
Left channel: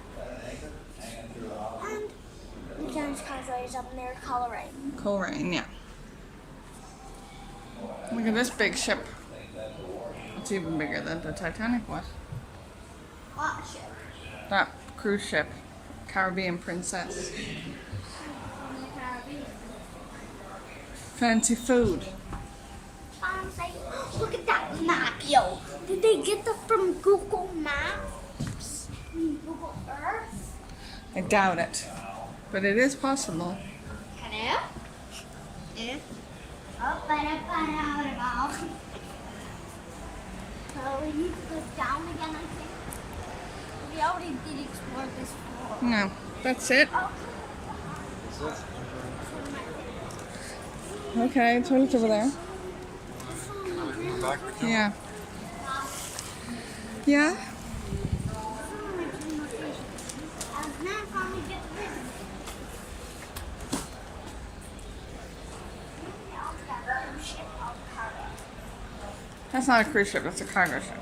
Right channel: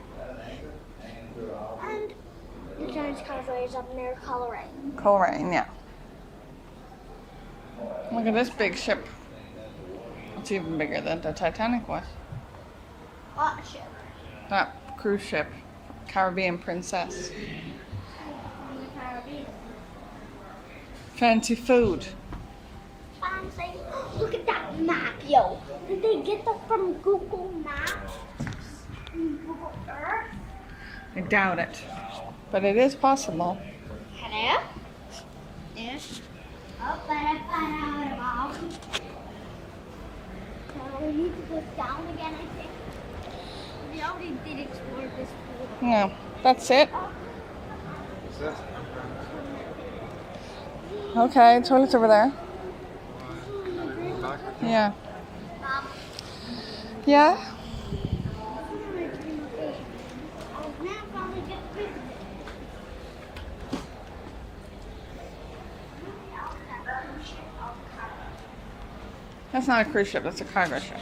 And the Giant's Causeway is up near Coleraine. Coleraine, yeah. Look at this big ship. It's even bigger than the Titanic was. What ship? That cruise ship, Caribbean Princess. From the Caribbean. Fancy food. Fancy. Look at that map, yo. Did they get that from Google Maps? Google Earth? I doubt it. But it is possible. Hello? Yes. Oh, so we need to go down again, I think. We already did explore this floor. No, that's it. Okay, toilet's over there. Yeah. Yeah? That's not a cruise ship, that's a cargo ship.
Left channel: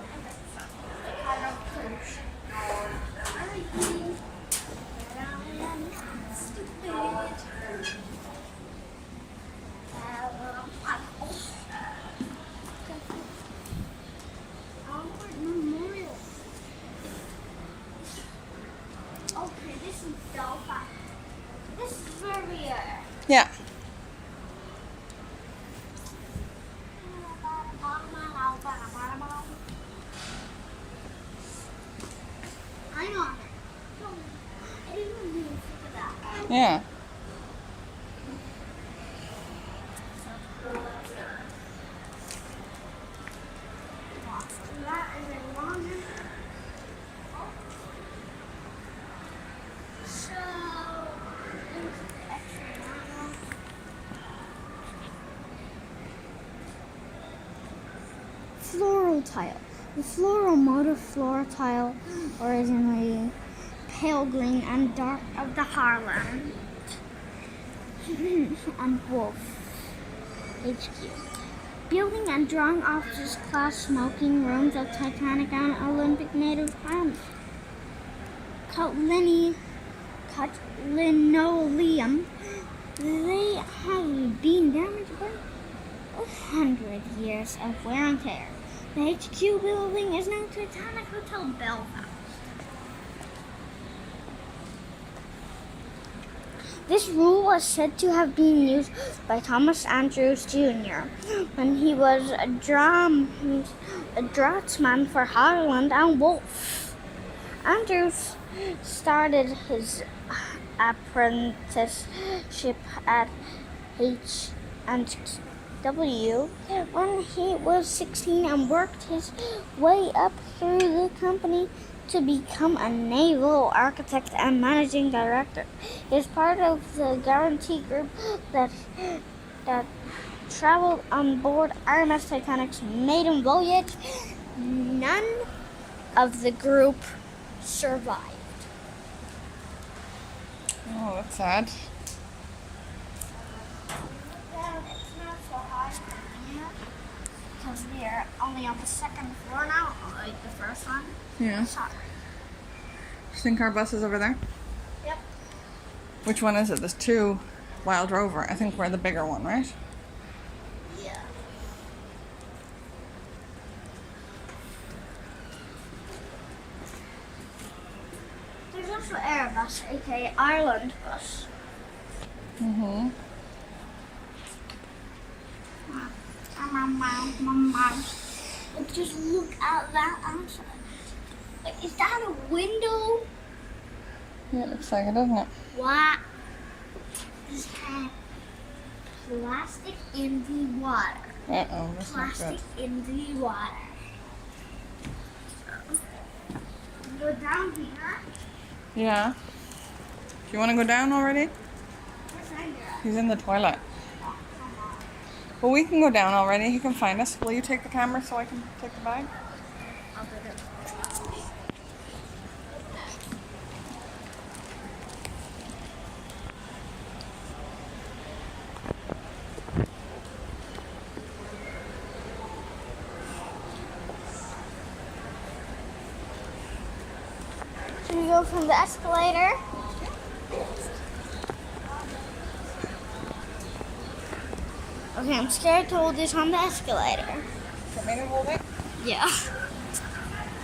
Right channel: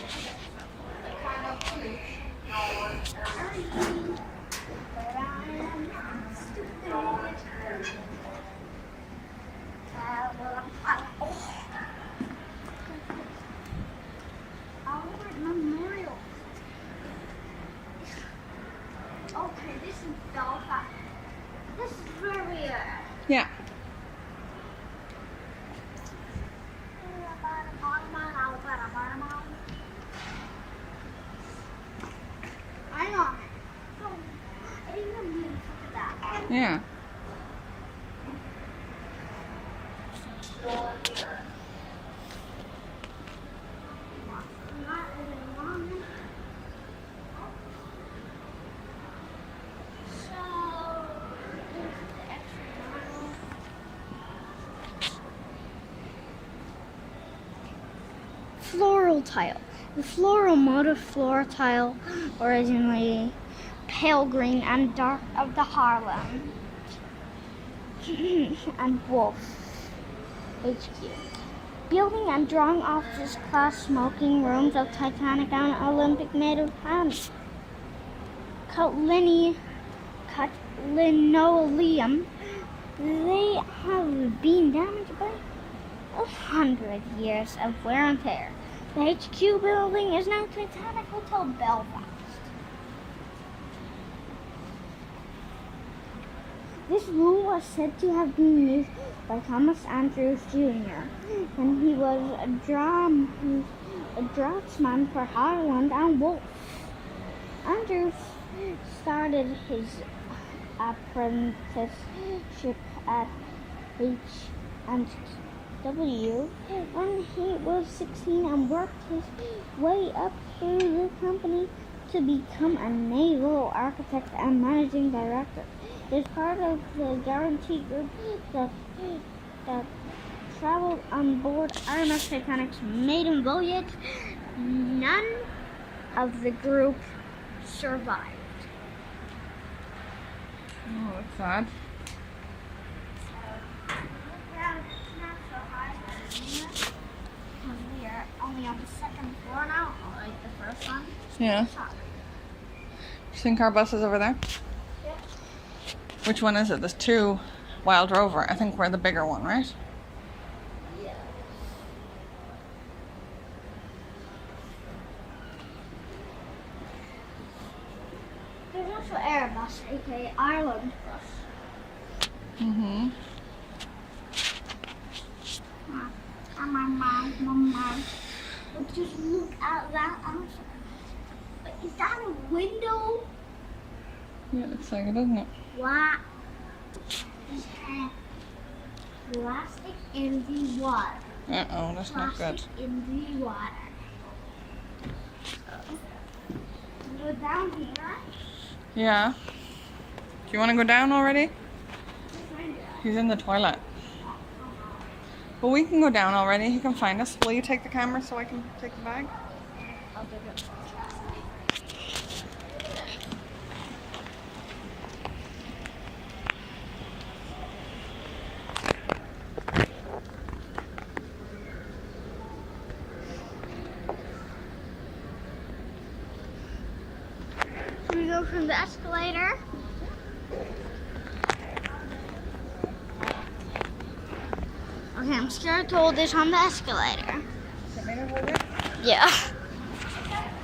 Memorial. Okay, this is Belfast. This is where we are. Yeah. I'm on it. No, I didn't even move. Look at that. Yeah. That is a long. So, floral tile. The floral motif floral tile, originally pale green and dark of the Harlem and Wolf HQ. Building and drawing offices, class smoking rooms of Titanic and Olympic native hands. Cut linoleum. They have been damaged by 100 years of wear and tear. The HQ building is now Titanic Hotel Belfast. This rule was said to have been used by Thomas Andrews Jr. when he was a draughtsman for Harland and Wolff. Andrews started his apprenticeship at H&W when he was 16 and worked his way up through the company to become a naval architect and managing director. He is part of the guarantee group that traveled on board RMS Titanic's maiden voyage. None of the group survived. Oh, that's sad. It's not so high here because they're only on the second floor now, like the first one. Yeah. Sorry. You think our bus is over there? Yep. Which one is it? There's two Wild Rover. I think we're the bigger one, right? Yeah. There's also Airbus, aka Ireland bus. Mm-hmm. But just look at that outside. Wait, is that a window? Yeah, it looks like it, doesn't it? What? This has plastic in the water. Uh-oh, that's not good. Plastic in the water. Go down here. Yeah. Do you want to go down already? He's in the toilet. Well, we can go down already. He can find us. Will you take the camera so I can take the bag? I'll do it. we go from the escalator. Okay, I'm scared to hold this on the escalator. Want me to hold it? Yeah.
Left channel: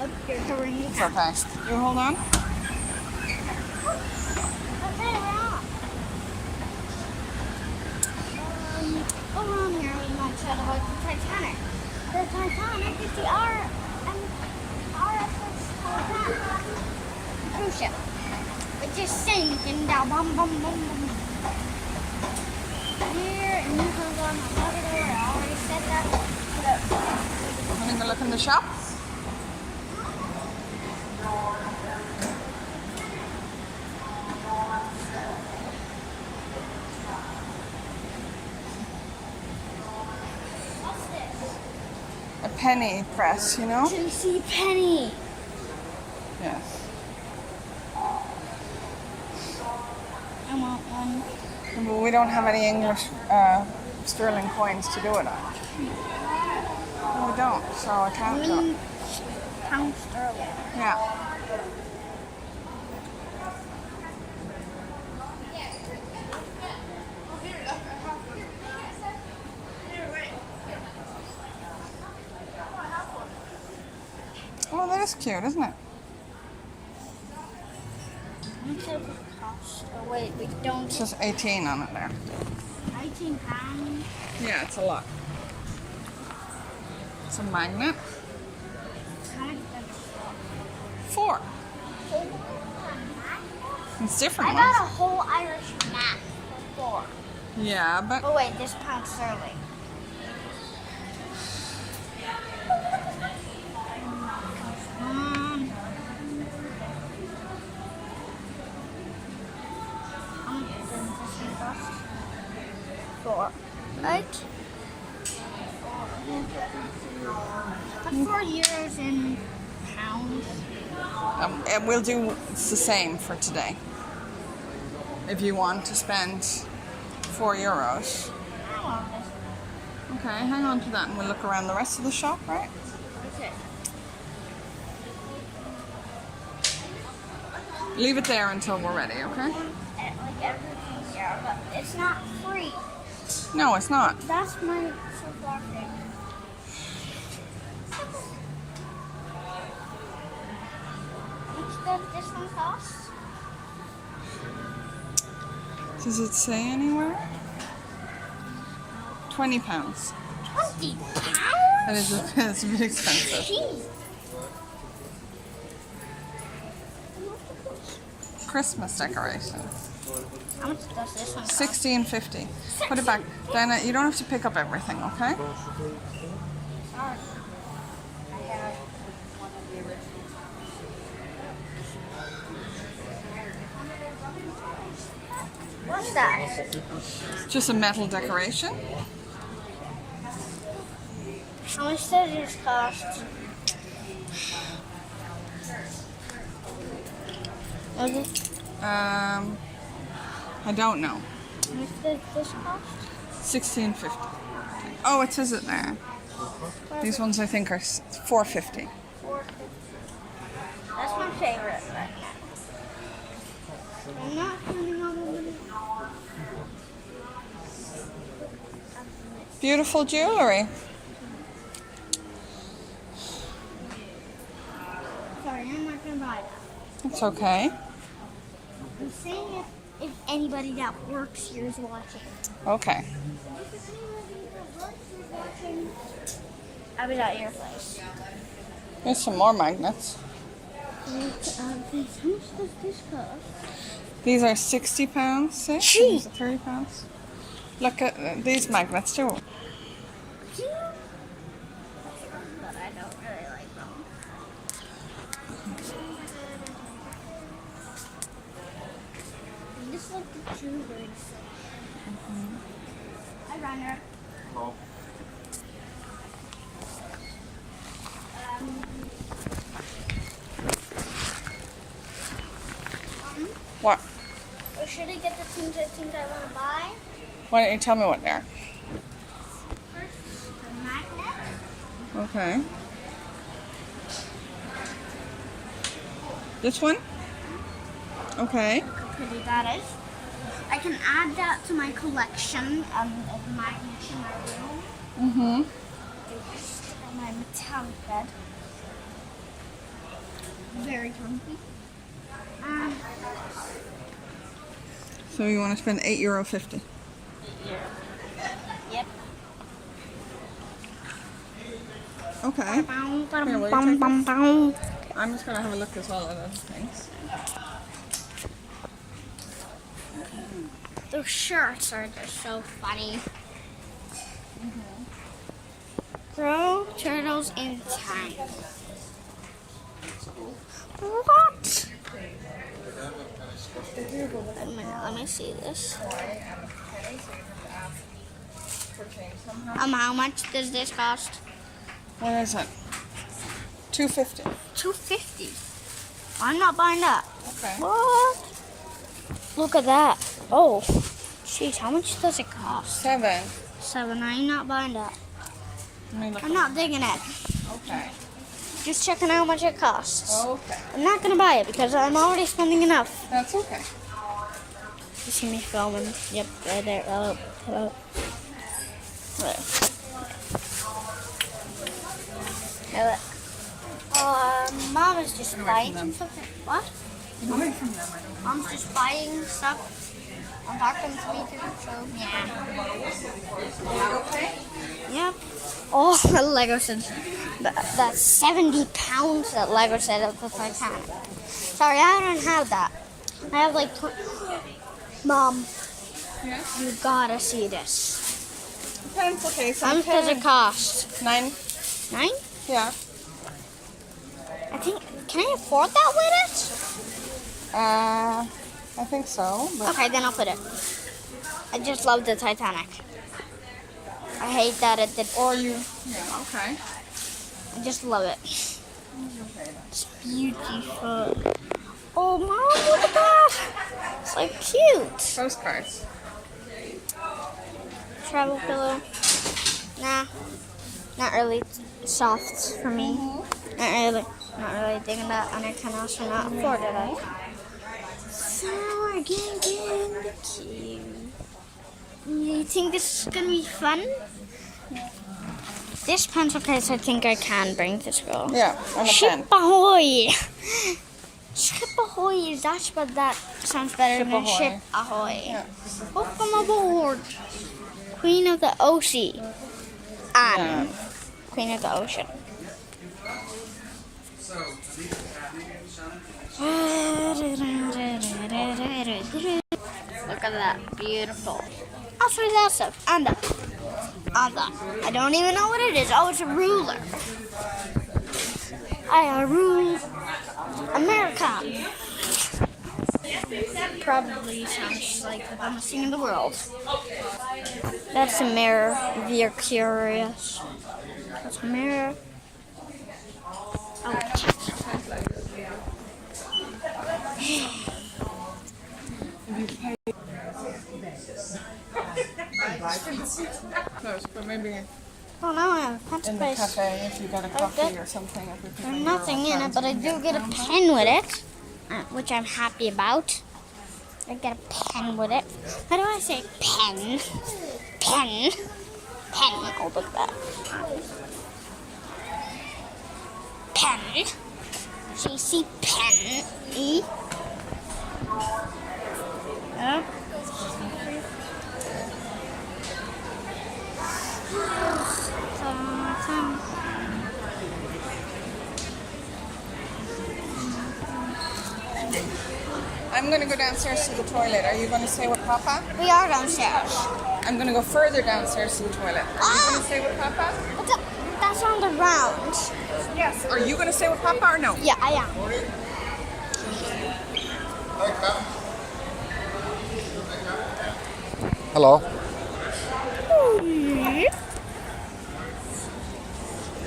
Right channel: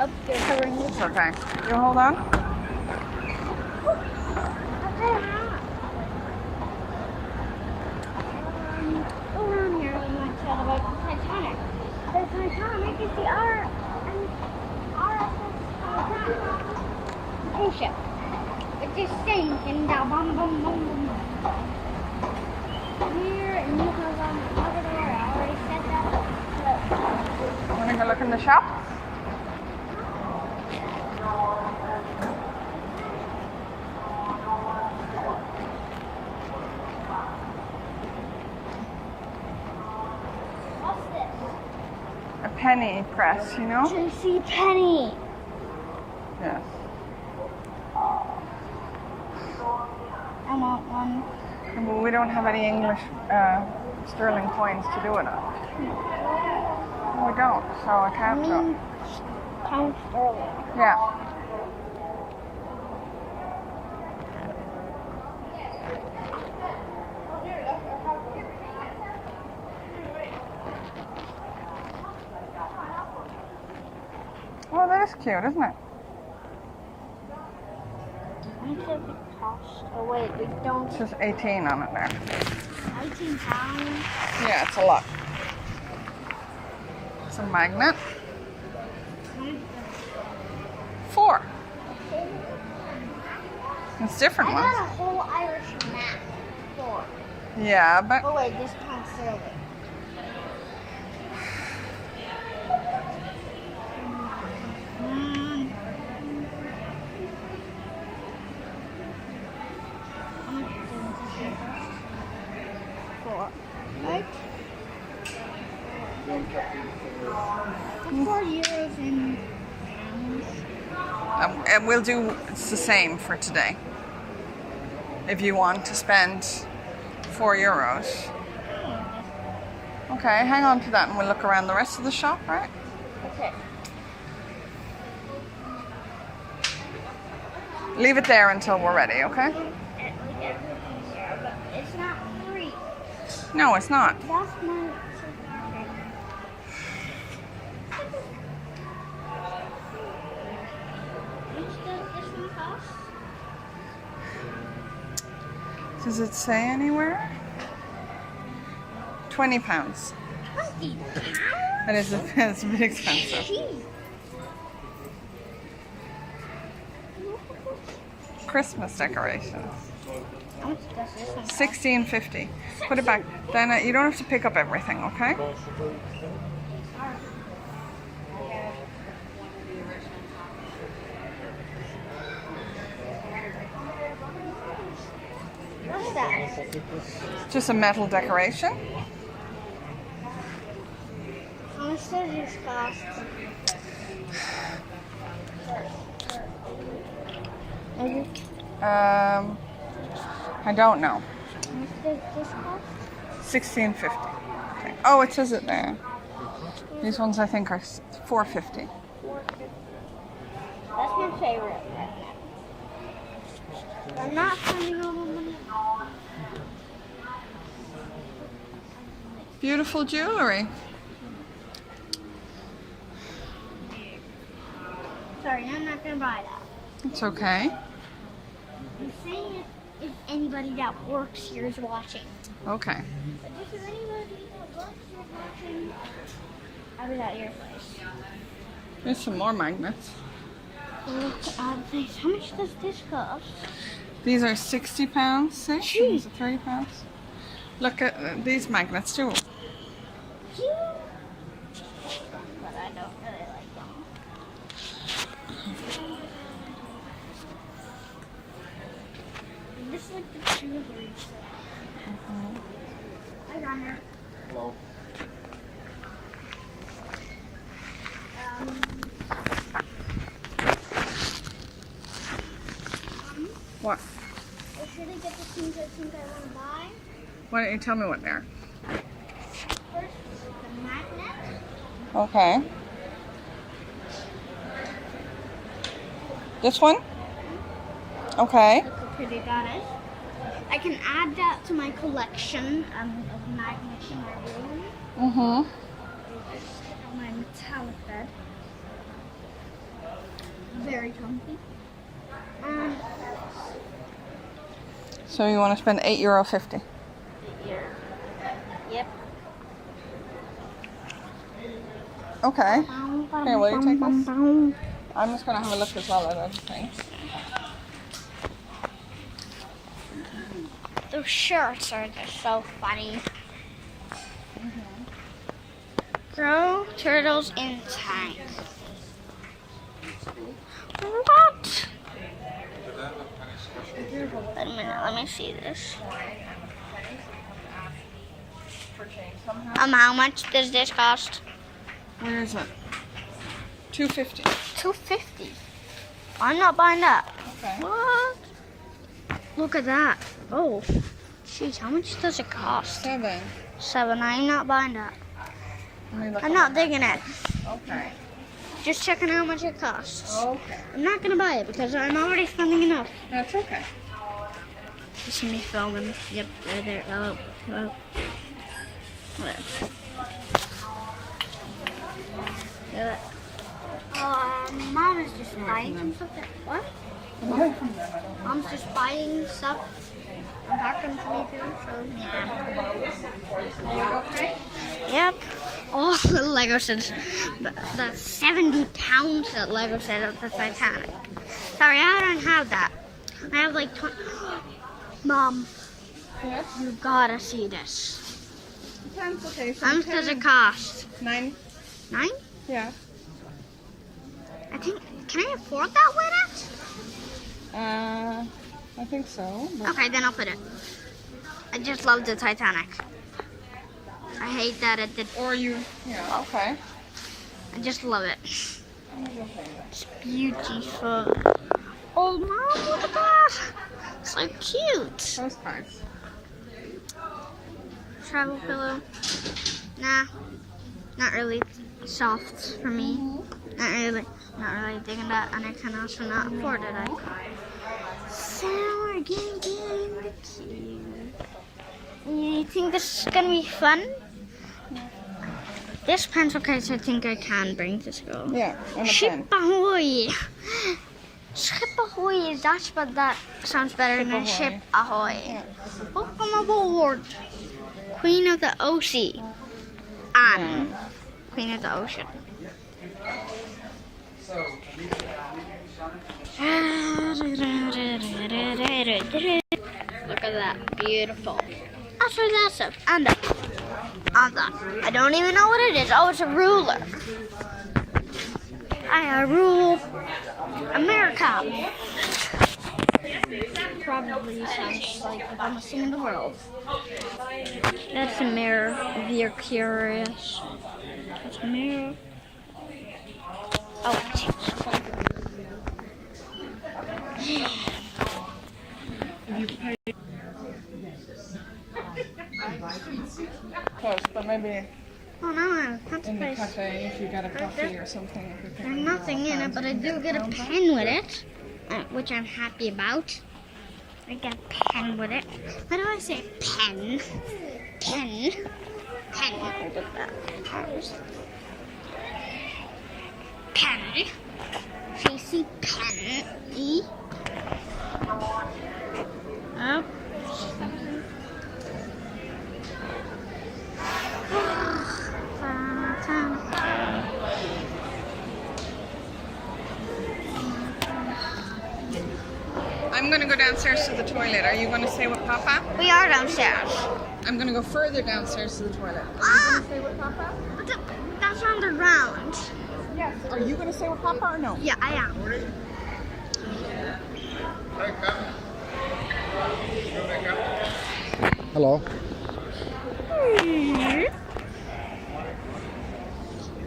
Okay, hurry. It's okay. You hold on. Okay, we're on. We're on here and I said about the Titanic. The Titanic is the RSS Titanic cruise ship. It just sinks and down, bum, bum, bum, bum. Here and here goes on another door. I already said that. Want to go look in the shop? What's this? A penny press, you know? JC Penny. Yes. I want one. Well, we don't have any English sterling coins to do it on. No, we don't, so I can't do it. Pound sterling. Yeah. Oh, that is cute, isn't it? How much does it cost? Oh wait, we don't. It says 18 on it there. 19 pounds. Yeah, it's a lot. It's a magnet. 4. It's different I ones. got a whole Irish map. Yeah, but Oh wait, this pound sterling. Right? 4 euros in pounds. and we'll do it's the same for today. If you want to spend 4 euros. Okay, hang on to that and we'll look around the rest of the shop, right? Okay. Leave it there until we're ready, okay? It's not free. No, it's not. That's my cigar favorite. How much does this one cost? Does it say anywhere? £20. 20 pounds? It is it's a bit expensive. Jeez. Christmas decorations. How much does this one cost? $16.50. Put it back. Diana, you don't have to pick up everything, okay? What's that? Just a metal decoration. How much does this cost? I don't know. How much does this cost? $16.50. Okay. Oh, it says it there. These ones I think are $4.50. That's my favorite. I'm not spending all my money. Beautiful jewelry. Sorry, I'm not gonna buy that. It's okay. I'm saying it if anybody that works here is watching. Okay. If anybody that works here is watching, I'll be at your place. There's some more magnets. How much does this cost? These are £60, see? Gee. These are £30. Look at these magnets too. But I don't really like them. This is like the two birds. Hi, Runner. Hello. What? Or should I get the things I think I want to buy? Why don't you tell me what they are? First, the magnet. Okay. This one? Okay. Look how pretty that is. I can add that to my collection of magnets in my room. Mm-hmm. My metallic bed. Very comfy. So you want to spend €8.50? Yep. Okay. Here, will you take this? I'm just going to have a look as well at other things. Those shirts are just so funny. Grow turtles in tank. What? Wait a minute, let me see this. How much does this cost? Where is it? $2.50. $2.50. I'm not buying that. Okay. What? Look at that. Oh, jeez, how much does it cost? $7. $7. I'm not buying that. Let me look I'm not digging it. Okay. Just checking how much it costs. Okay. I'm not gonna buy it because I'm already spending enough. That's okay. You see me filming? Yep, right there. Hello. Hello. Hello. Hello. Mom is just buying something. What? Away from them, I don't know. Mom's just buying stuff. I'm talking to me too, so yeah. Okay. Yep. Oh, the Lego said that's 70 pounds that Lego said of the Titanic. Sorry, I don't have that. I have like 20. Mom, Yes? you gotta see this. Depends, okay. So How much does it cost? $9. 9? Yeah. Can I afford that with it? I think so. But Okay, then I'll put it. I just love the Titanic. I hate that it did. Or you, yeah, okay. I just love it. Okay, It's beautiful. Oh, Mom, look at that. It's like cute. Postcards. Travel pillow. Nah, not really soft for me. Not really digging that, and I can also not afford it. So we're getting cute. You think this is gonna be fun? This pencil case, I think I can bring to school. Yeah, and a Ship pen. ahoy! Ship ahoy! That's what that sounds better than ahoy. ship ahoy. Yeah. Welcome aboard, Queen of the Ocean. Queen of the Ocean. Look at that, beautiful. That's for that stuff. And that. And that. I don't even know what it is. Oh, it's a ruler. I rule America. Probably sounds like the dumbest thing in the world. That's a mirror, if you're curious. That's a mirror. Oh. Close, but maybe Oh, now I have a pencil in the case. cafe if you get a coffee or something. There's nothing in it, but I do get a pen with it, which I'm happy about. I get a pen with it. How do I say pen? Pen. Pen. Oh, look at that. Pen. JC Pen. E. Oh. I'm going to go downstairs to the toilet. Are you going to stay with Papa? We are downstairs. I'm going to go further downstairs to the toilet. Are you going to stay with Papa? But that's on the round. Yes. Are you going to stay with Papa or no? Yeah, I am. Hello.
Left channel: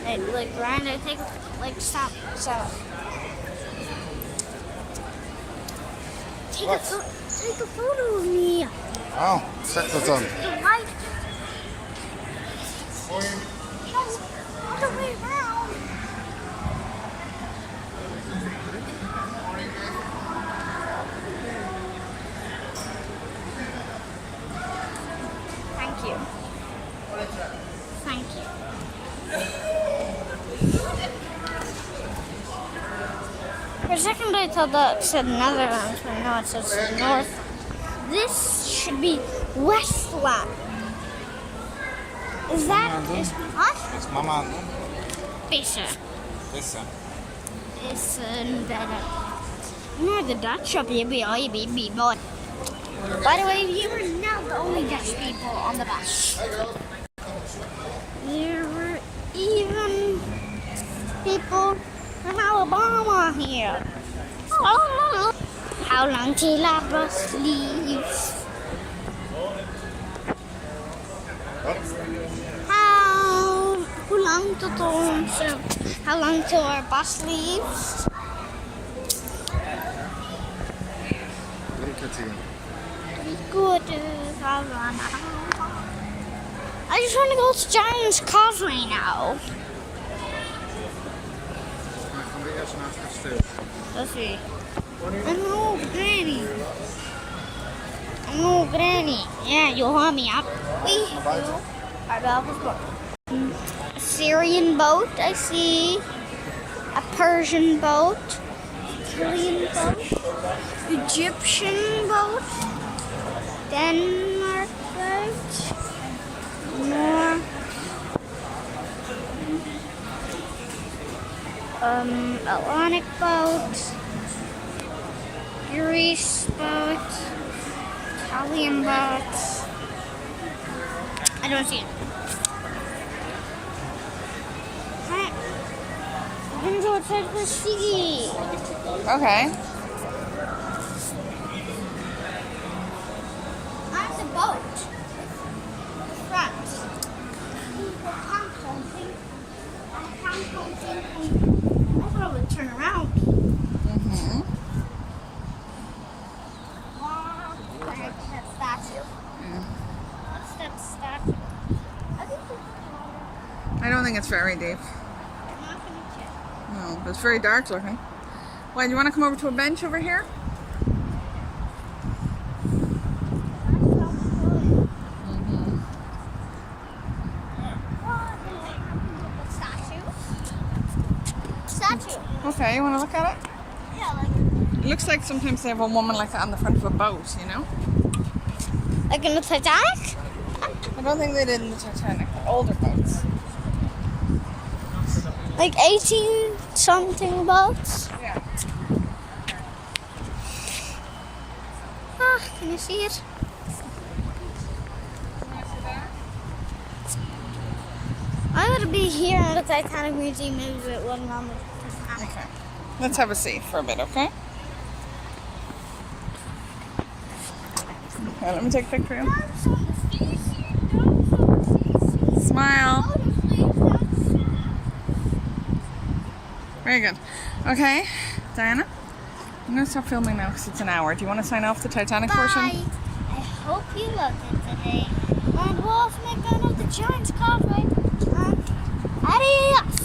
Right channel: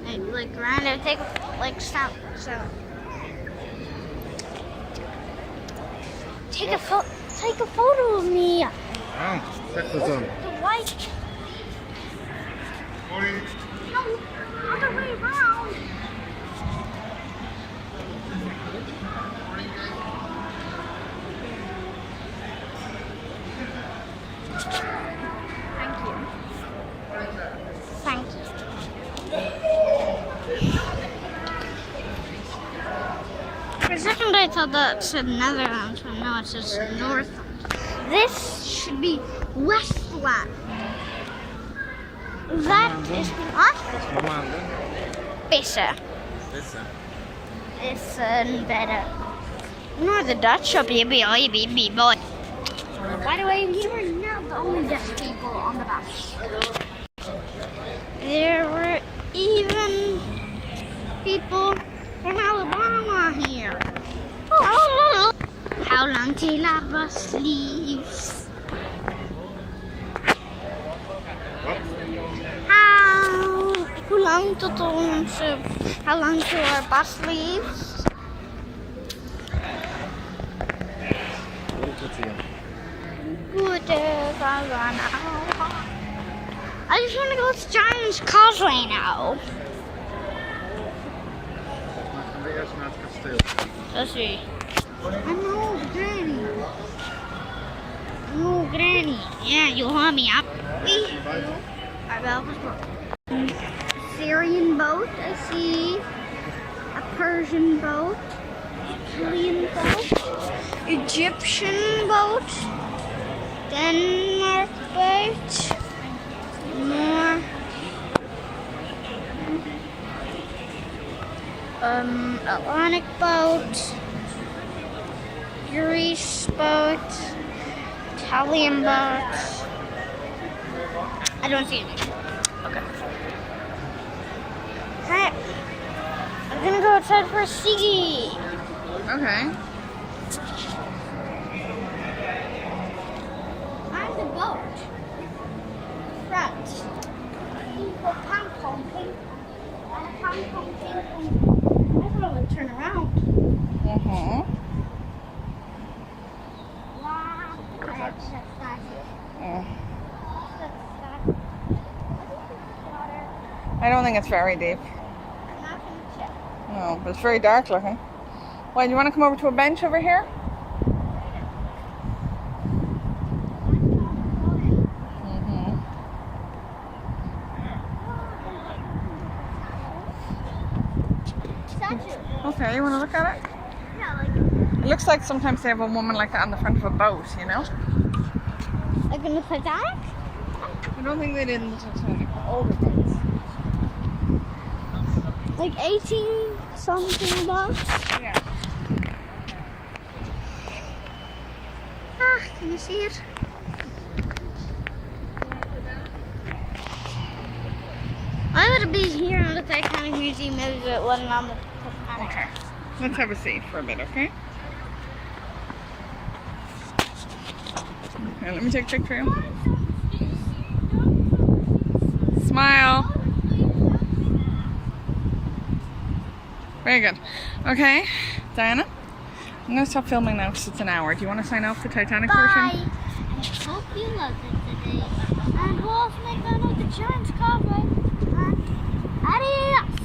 Hey, like, Ryan, take, like, stop. Take a photo of me. Oh, check this out. Right. No, other way around. thought that said Netherlands, but no, it says North. This should be Westland. That is what? Wat is mama aan het doen? Vissen. Vissen. Is better. No, the Dutch up here, boy. By the way, we were not the only Dutch people on the bus. There were even people from Alabama here. How long till our bus leaves? Hoe lang tot onze... How long till our bus leaves? Good I just want to go to Giant's Causeway now. Dan gaan we eerst naar het kasteel. Let's see. I'm Granny. I'm Granny. Yeah, you'll haul me up. Our Belfast boat. Syrian boat, I see. A Persian boat. Italian boat. Egyptian boat. Denmark boat. More. Atlantic boat. Greece boat. Italian boat. I don't see anything. Okay. Alright. I'm gonna go outside for a ciggy. Okay. On the boat. Front. I thought it would turn around. Mm-hmm. Wow. That statue. Yeah. What's that statue? I don't think it's very deep. No, but it's very dark looking. Why, do you want to come over to a bench over here? Okay, you want to look at it? Yeah, like... It looks like sometimes they have a woman like that on the front of a boat, you know? Like in the Titanic? I don't think they did in the Titanic, but older boats. Like 18-something boats? Yeah. Ah, can you see it? Why would it be here on the Titanic Museum? Maybe it wasn't on the Titanic. Okay. Let's have a seat for a bit, okay? Okay, let me take a picture of you. Smile. Very good. Okay, Diana, I'm going to stop filming now because it's an hour. Do you want to sign off the Titanic portion? Bye. I hope you loved it today. And we'll also make fun of the Giant's Causeway. And adios.